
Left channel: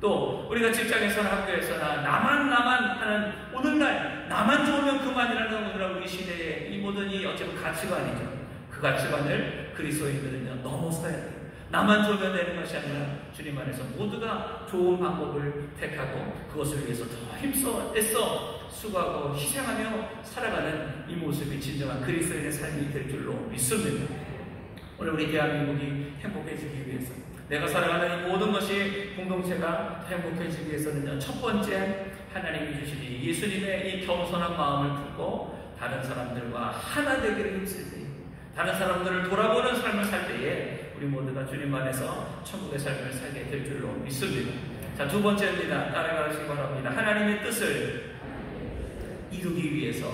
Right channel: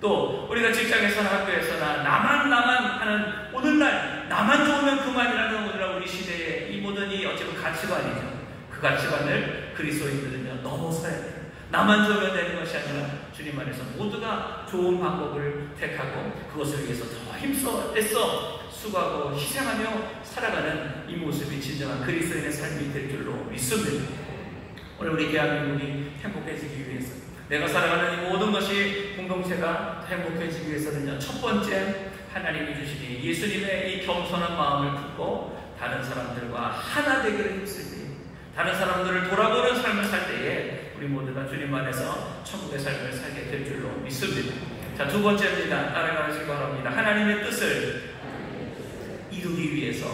또 우리가 직장에서나 학교에서나 나만 하는 오늘날 나만 좋으면 그만이라는 오늘날 우리 시대의 이 모든 이 어찌보면 가치관이죠. 그 가치관을 그리스도인들은 넘어서야 돼요. 나만 좋으면 되는 것이 아니라 주님 안에서 모두가 좋은 방법을 택하고 그것을 위해서 더 힘써 애써 수고하고 희생하며 살아가는 이 모습이 진정한 그리스도인의 삶이 될 줄로 믿습니다. 오늘 우리 대한민국이 행복해지기 위해서, 내가 살아가는 이 모든 것이 공동체가 행복해지기 위해서는요, 첫 번째 하나님이 주시니 예수님의 이 겸손한 마음을 품고 다른 사람들과 하나 되기를 했을 때, 다른 사람들을 돌아보는 삶을 살 때에 우리 모두가 주님 안에서 천국의 삶을 살게 될 줄로 믿습니다. 자, 두 번째입니다. 따라가시기 바랍니다. 하나님의 뜻을 이루기 위해서.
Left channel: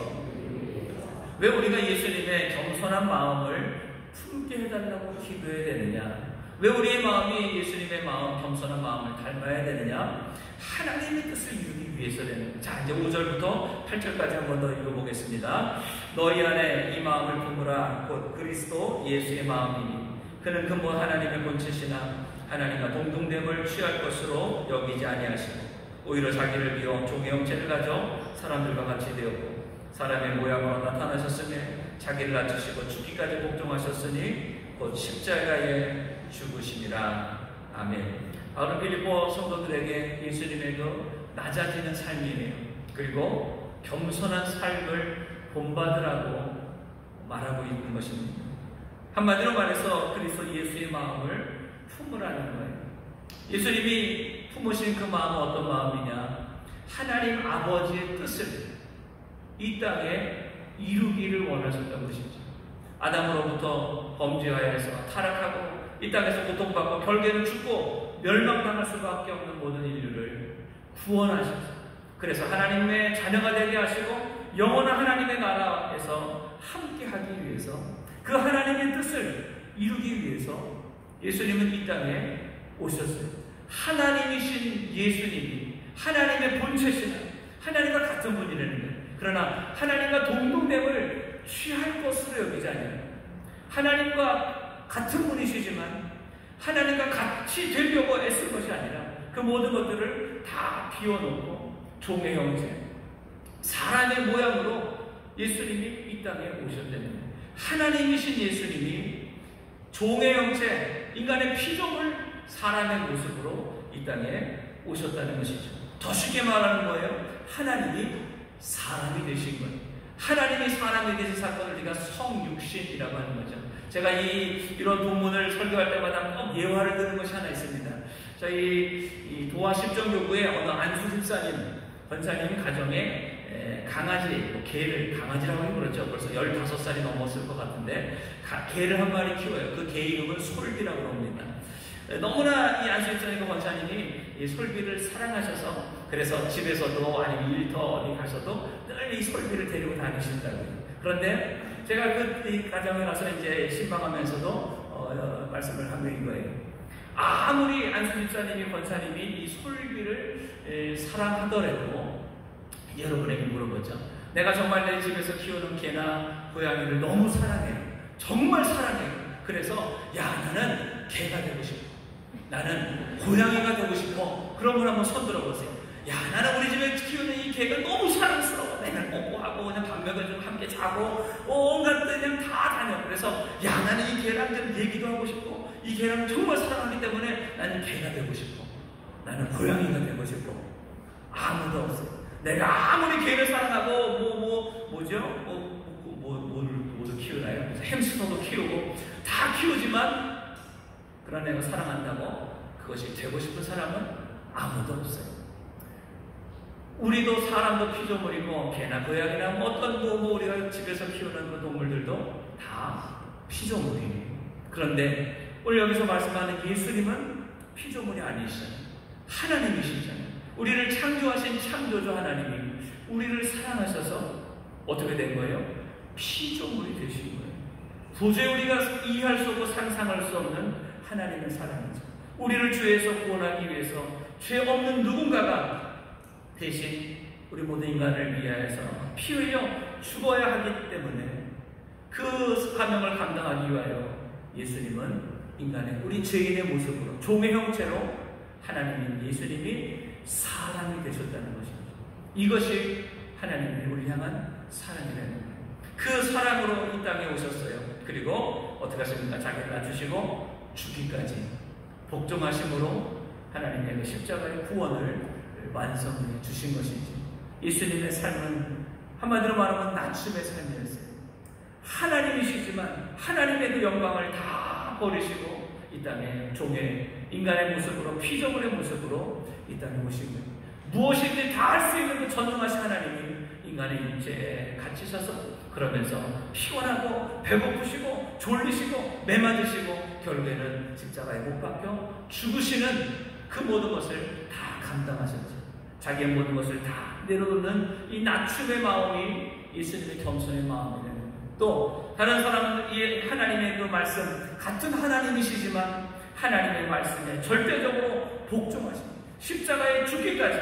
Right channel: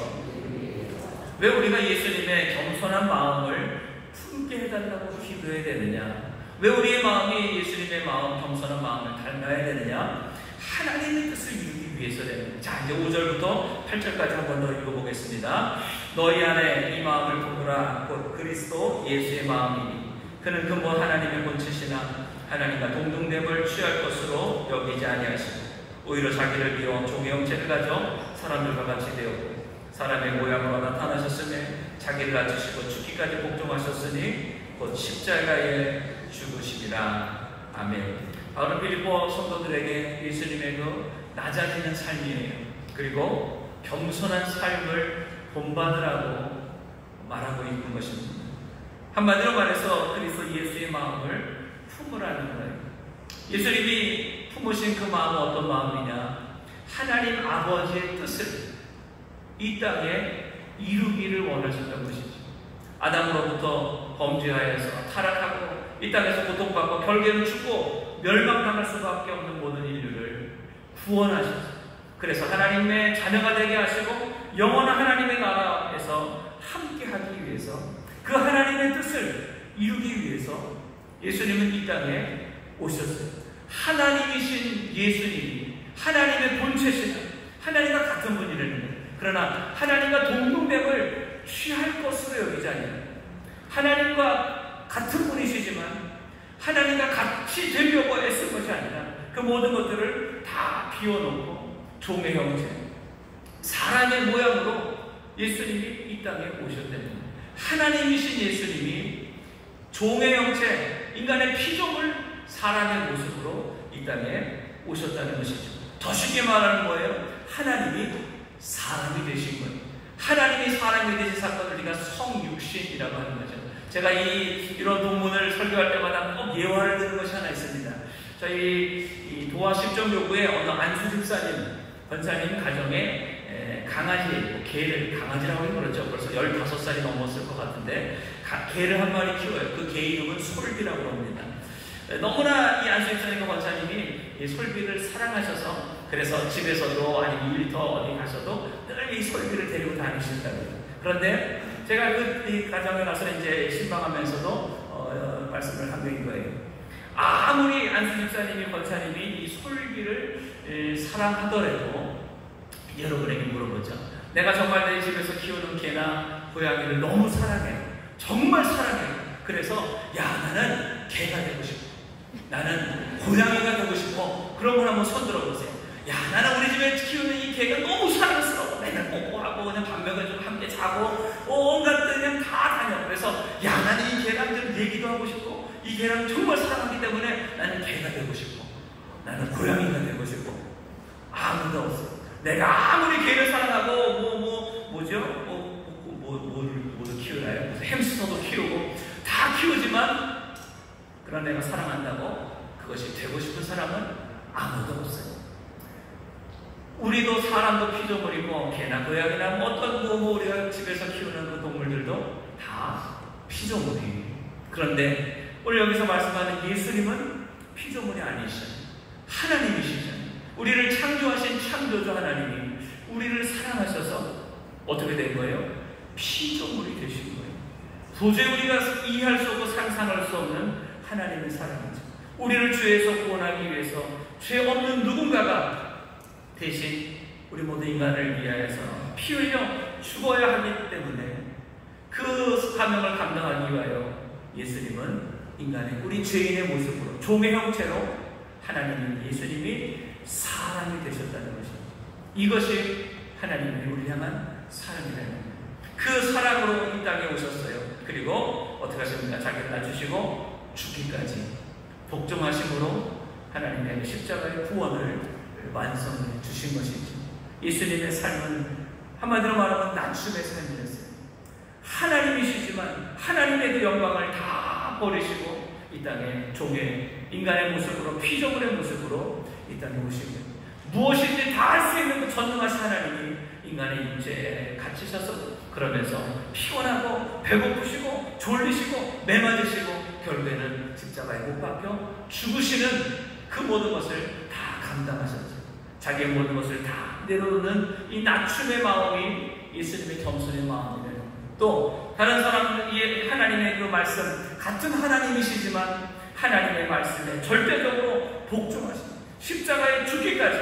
왜 우리가 예수님의 겸손한 마음을 품게 해달라고 기도해야 되느냐? 왜 우리의 마음이 예수님의 마음, 겸손한 마음을 닮아야 되느냐? 하나님의 뜻을 이루기 위해서 되는. 자, 이제 5절부터 8절까지 한 번 더 읽어보겠습니다. 너희 안에 이 마음을 품으라. 곧 그리스도 예수의 마음이니 그는 근본 하나님을 본체시나 하나님과 동등됨을 취할 것으로 여기지 아니하시고 오히려 자기를 비워 종의 형체를 가져 사람들과 같이 되었고 사람의 모양으로 나타나셨으며 자기를 낮추시고 죽기까지 복종하셨으니 곧 십자가에 죽으시리라. 아멘. 바울은 빌립보 성도들에게 예수님의 그 낮아지는 삶이에요. 그리고 겸손한 삶을 본받으라고 말하고 있는 것입니다. 한마디로 말해서 그리스도 예수의 마음을 품으라는 거예요. 예수님이 품으신 그 마음은 어떤 마음이냐? 하나님 아버지의 뜻을 이 땅에 이루기를 원하셨다는 것이죠. 아담으로부터 범죄하여서 타락하고 이 땅에서 고통받고 결국에는 죽고 멸망당할 수밖에 없는 모든 인류를 구원하셨어요. 그래서 하나님의 자녀가 되게 하시고 영원한 하나님의 나라에서 함께하기 위해서 그 하나님의 뜻을 이루기 위해서 예수님은 이 땅에 오셨어요. 하나님이신 예수님이 하나님의 본체시나 하나님과 같은 분이라는 거예요. 그러나 하나님과 동등됨을 취할 것으로 여기지 않아요. 하나님과 같은 분이시지만 하나님과 같이 되려고 애쓴 것이 아니라 그 모든 것들을 다 비워놓고 종의 형체, 사람의 모양으로 예수님이 이 땅에 오셨다는 거예요. 하나님이신 예수님이 종의 형체, 인간의 피조물, 사람의 모습으로 이 땅에 오셨다는 것이죠. 더 쉽게 말하는 거예요. 하나님이 사람이 되신 거예요. 하나님이 사람이 되신 사건을 우리가 성육신이라고 하는 거죠. 제가 이런 본문을 설교할 때마다 꼭 예화를 드는 것이 하나 있습니다. 저희 도화 십정교구에 어느 안수 집사님, 권사님 가정에 강아지, 개를, 강아지라고 그러죠. 그래서 15살이 넘었을 것 같은데 개를 한 마리 키워요. 그 개 이름은 솔비라고 합니다. 너무나 이 안수 집사님과 권사님이 이 솔비를 사랑하셔서 그래서 집에서도 아니면 일터 어디 가서도 늘 이 솔비를 데리고 다니신다고요. 그런데 제가 이 가정에 가서 이제 신방하면서도 말씀을 한 게인 거예요. 아무리 안수 집사님이 권사님이 이 솔비를 사랑하더라도 여러분에게 물어보죠. 내가 정말 내 집에서 키우는 개나 고양이를 너무 사랑해. 정말 사랑해. 그래서 나는 개가 되고 싶어. 나는 고양이가 되고 싶어. 그러면 한번 손 들어보세요. 나는 우리 집에 키우는 이 개가 너무 사랑스러워. 맨날 뽀뽀하고 그냥 밤낮에 좀 함께 자고 온갖 데 그냥 다 다녀. 그래서 나는 이 개랑 좀 얘기도 하고 싶고 이 개랑 정말 사랑하기 때문에 나는 개가 되고 싶어. 나는 고양이가 되고 싶어. 아무도 없어. 내가 아무리 개를 사랑하고 뭐를 키우나요? 햄스터도 키우고 다 키우지만 그런 내가 사랑한다고 그것이 되고 싶은 사람은 아무도 없어요. 우리도 사람도 피조물이고 개나 고양이나 어떤 우리가 집에서 키우는 그 동물들도 다 피조물이에요. 그런데 오늘 여기서 말씀하는 예수님은 피조물이 아니시잖아요. 하나님이시잖아요. 우리를 창조하신 창조주 하나님이 우리를 사랑하셔서 어떻게 된 거예요? 피조물이 되신 거예요. 도저히 우리가 이해할 수 없고 상상할 수 없는 하나님의 사랑이죠. 우리를 죄에서 구원하기 위해서 죄 없는 누군가가 대신 우리 모든 인간을 위하여서 피 흘려 죽어야 하기 때문에 그 사명을 감당하기 위하여 예수님은 인간의 우리 죄인의 모습으로 종의 형체로 하나님은 예수님이 사람이 되셨다는 것입니다. 이것이 하나님이 우리 향한 사랑이라는 거예요. 그 사랑으로 이 땅에 오셨어요. 그리고 어떻게 하십니까? 자기를 낮추시고 죽기까지 복종하심으로 하나님의 십자가의 구원을 완성해 주신 것이죠. 예수님의 삶은 한마디로 말하면 낮춤의 삶이었어요. 하나님이시지만 하나님의 그 영광을 다 버리시고 이 땅에 종의 인간의 모습으로 피조물의 모습으로 이 땅에 오시고 무엇인지 다 할 수 있는 그 전능하신 하나님이 이 인간의 육체에 갇히셔서 그러면서 피곤하고 배고프시고 졸리시고 매맞으시고 결국에는 십자가에 못 박혀 죽으시는 그 모든 것을 다 감당하셨죠. 자기의 모든 것을 다 내려놓는 이 낮춤의 마음이 예수님의 겸손의 마음이에요. 또 다른 사람은 하나님의 그 말씀, 같은 하나님이시지만 하나님의 말씀에 절대적으로 복종하십니다. 십자가에 죽기까지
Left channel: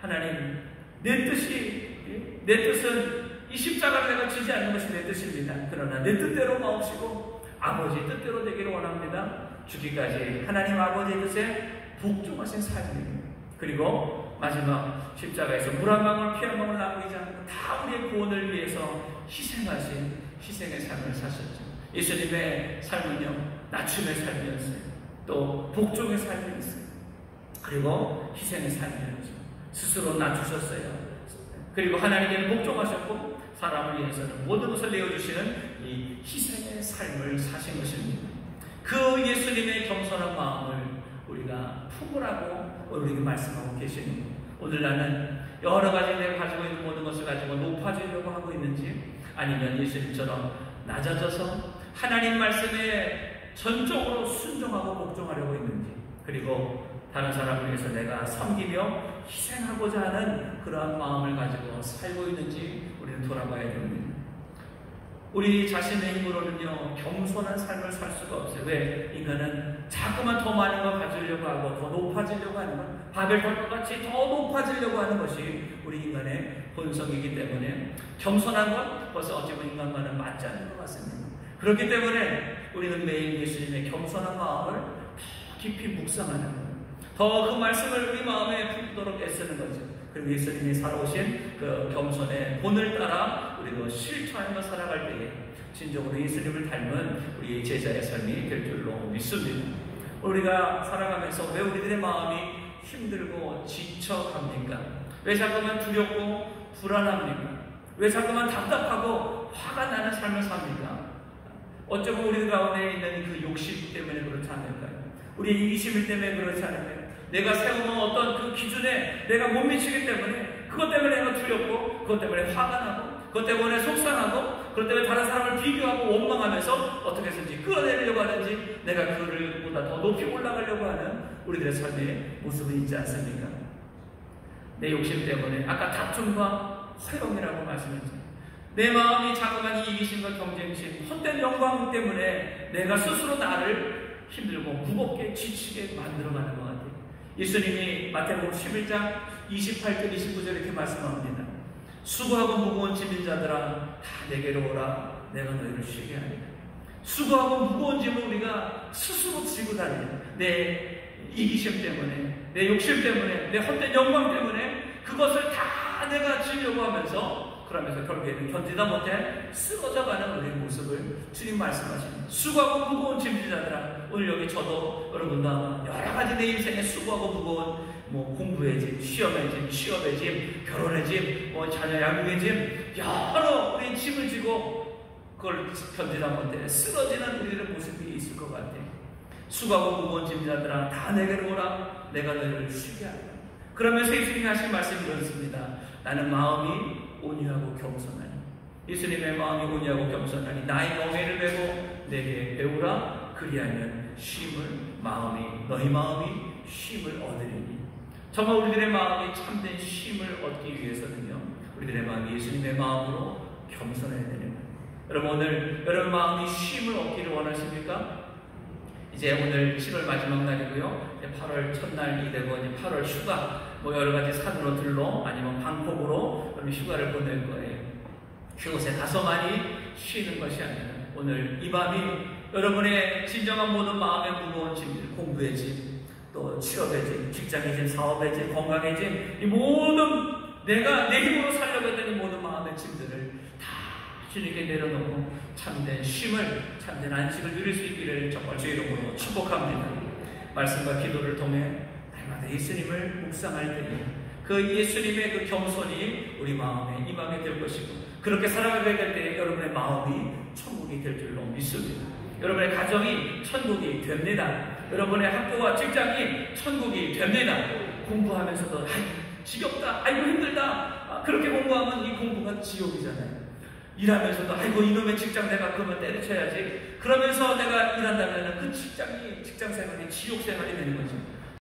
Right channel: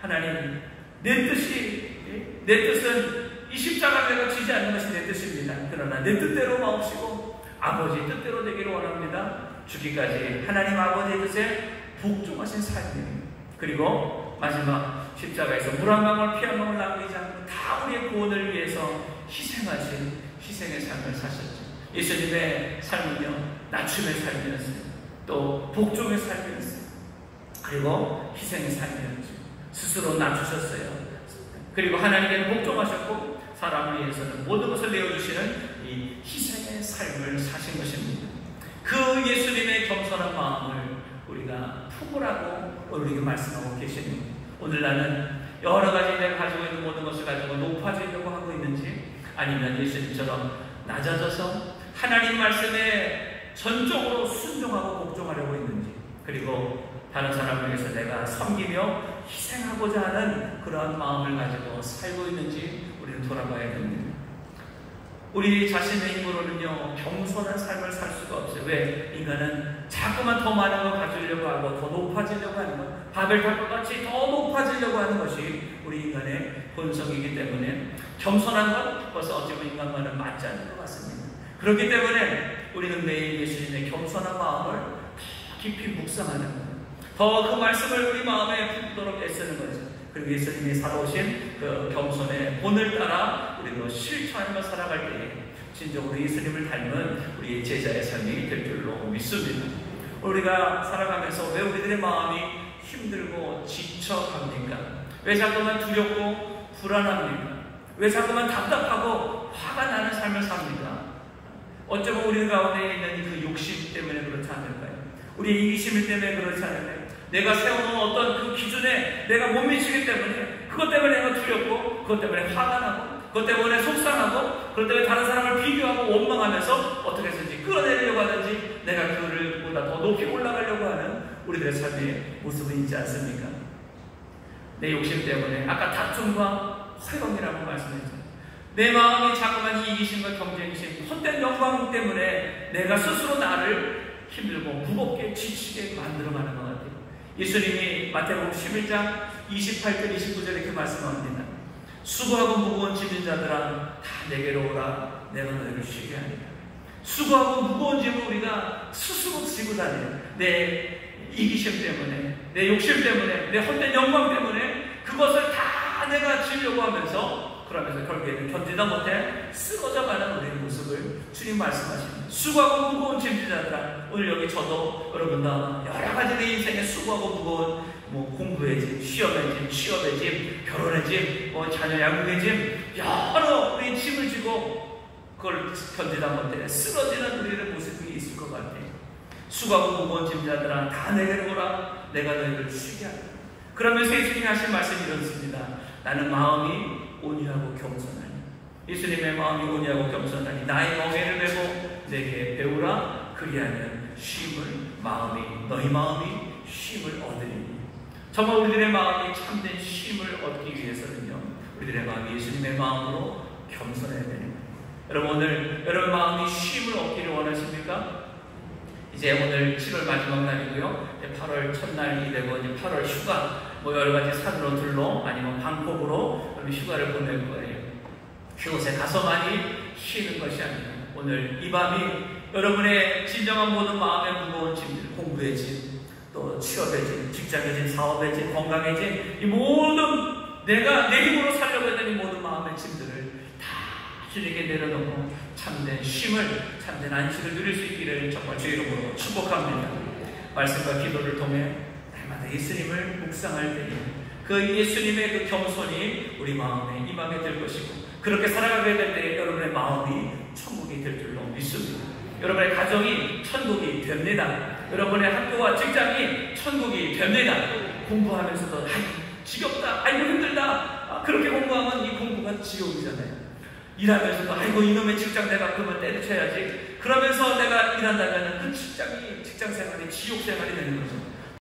하나님, 내 뜻은 이 십자가 내가 지지 않는 것이 내 뜻입니다. 그러나 내 뜻대로 마옵시고 아버지 뜻대로 되기를 원합니다. 죽기까지 하나님 아버지의 뜻에 복종하신 삶입니다. 그리고 마지막 십자가에서 물 한 방울 피 한 방울 남기지 않고 다 우리의 구원을 위해서 희생하신 희생의 삶을 사셨죠. 예수님의 삶은요, 낮춤의 삶이었어요. 또 복종의 삶이었어요. 그리고 희생의 삶이었죠. 스스로 낮추셨어요. 그리고 하나님께는 복종하셨고 사람을 위해서는 모든 것을 내어주시는 이 희생의 삶을 사신 것입니다. 그 예수님의 겸손한 마음을 우리가 품으라고 우리에게 말씀하고 계십니다. 오늘 나는 여러 가지 내가 가지고 있는 모든 것을 가지고 높아지려고 하고 있는지, 아니면 예수님처럼 낮아져서 하나님 말씀에 전적으로 순종하고 복종하려고 있는지, 그리고 다른 사람을 위해서 내가 섬기며 희생하고자 하는 그러한 마음을 가지고 살고 있는지 우리는 돌아봐야 됩니다. 우리 자신의 힘으로는요, 겸손한 삶을 살 수가 없어요. 왜? 인간은 자꾸만 더 많은 걸 가지려고 하고 더 높아지려고 하는 것, 바벨탑과 같이 더 높아지려고 하는 것이 우리 인간의 본성이기 때문에 겸손한 것, 그것은 어찌 보면 인간과는 맞지 않는 것 같습니다. 그렇기 때문에 우리는 매일 예수님의 겸손한 마음을 더 깊이 묵상하는 거예요. 더 그 말씀을 우리 마음에 품도록 애쓰는 거죠. 그리고 예수님이 살아오신 그 겸손의 본을 따라 우리도 실천하며 살아갈 때에 진정으로 예수님을 닮은 우리 제자의 삶이 될 줄로 믿습니다. 우리가 살아가면서 왜 우리들의 마음이 힘들고 지쳐갑니까? 왜 자꾸만 두렵고 불안합니까? 왜 자꾸만 답답하고 화가 나는 삶을 삽니까? 어쩌면 우리 가운데 있는 그 욕심 때문에 그렇지 않을까요? 우리의 이기심 때문에 그렇지 않을까요? 내가 세워놓은 어떤 그 기준에 내가 못 미치기 때문에, 그것 때문에 내가 두렵고, 그것 때문에 화가 나고, 그것 때문에 속상하고, 그것 때문에 다른 사람을 비교하고 원망하면서 어떻게 해서든지 끌어내려고 하든지 내가 그를 보다 더 높이 올라가려고 하는 우리들의 삶의 모습이 있지 않습니까? 내 욕심 때문에, 아까 다툼과 허영이라고 말씀드렸죠. 내 마음이 자꾸만 이기심과 경쟁심, 헛된 영광 때문에 내가 스스로 나를 힘들고 무겁게 지치게 만들어가는 것 같아요. 예수님이 마태복음 11장 28절 29절에 이렇게 말씀합니다. 수고하고 무거운 짐진 자들아 다 내게로 오라, 내가 너희를 쉬게 하리라. 수고하고 무거운 짐을 우리가 스스로 지고 다녀요. 내 이기심 때문에, 내 욕심 때문에, 내 헛된 영광 때문에 그것을 다 내가 지려고 하면서, 그러면서 결국에는 견디다 못해 쓰러져가는 우리의 모습을 주님 말씀하십니다. 수고하고 무거운 짐진 자들아, 오늘 여기 저도 여러분 다 여러 가지 내 인생에 수고하고 무거운 공부의 짐, 시험의 짐, 취업의 짐, 결혼의 짐, 자녀 양육의 짐, 여러 우리의 짐을 지고 그걸 견디다 못해 쓰러지는 우리의 모습이 있을 것 같아요. 수고하고 무거운 짐자들아 다 내게로 오라, 내가 너희를 쉬게 하리라. 그러면서 예수님이 하신 말씀이 이렇습니다. 나는 마음이 온유하고 겸손하니, 예수님의 마음이 온유하고 겸손하니 나의 멍에를 메고 내게 배우라, 그리하면 너희 마음이 쉼을 얻으리니. 정말 우리들의 마음이 참된 쉼을 얻기 위해서는요, 우리들의 마음이 예수님의 마음으로 겸손해야 됩니다. 여러분, 오늘 여러분 마음이 쉼을 얻기를 원하십니까? 이제 오늘 7월 마지막 날이고요. 이제 8월 첫날이 되고 이제 8월 휴가, 여러 가지 산으로 둘러 아니면 방콕으로 휴가를 보낼 거예요. 그곳에 가서 많이 쉬는 것이 아니에요. 오늘 이 밤이 여러분의 진정한 모든 마음의 무거운 짐, 공부의 짐, 또 취업의 짐, 직장의 짐, 사업의 짐, 건강의 짐, 이 모든 내가 내 힘으로 살려고 했던 이 모든 마음의 짐들을 다 주님께 내려놓고 참된 쉼을, 참된 안식을 누릴 수 있기를 정말 주의 이름으로 축복합니다. 말씀과 기도를 통해 날마다 예수님을 묵상할 때에 그 예수님의 그 겸손이 우리 마음에 임하게 될 것이고, 그렇게 살아가게 될 때 여러분의 마음이 천국이 될 줄로 믿습니다. 여러분의 가정이 천국이 됩니다. 여러분의 학교와 직장이 천국이 됩니다. 공부하면서도 지겹다, 아이고 힘들다, 그렇게 공부하면 이 공부가 지옥이잖아요. 일하면서도 아이고 이놈의 직장 내가 그만 때려쳐야지. 그러면서 내가 일한다면 그 직장 생활이 지옥 생활이 되는 거죠.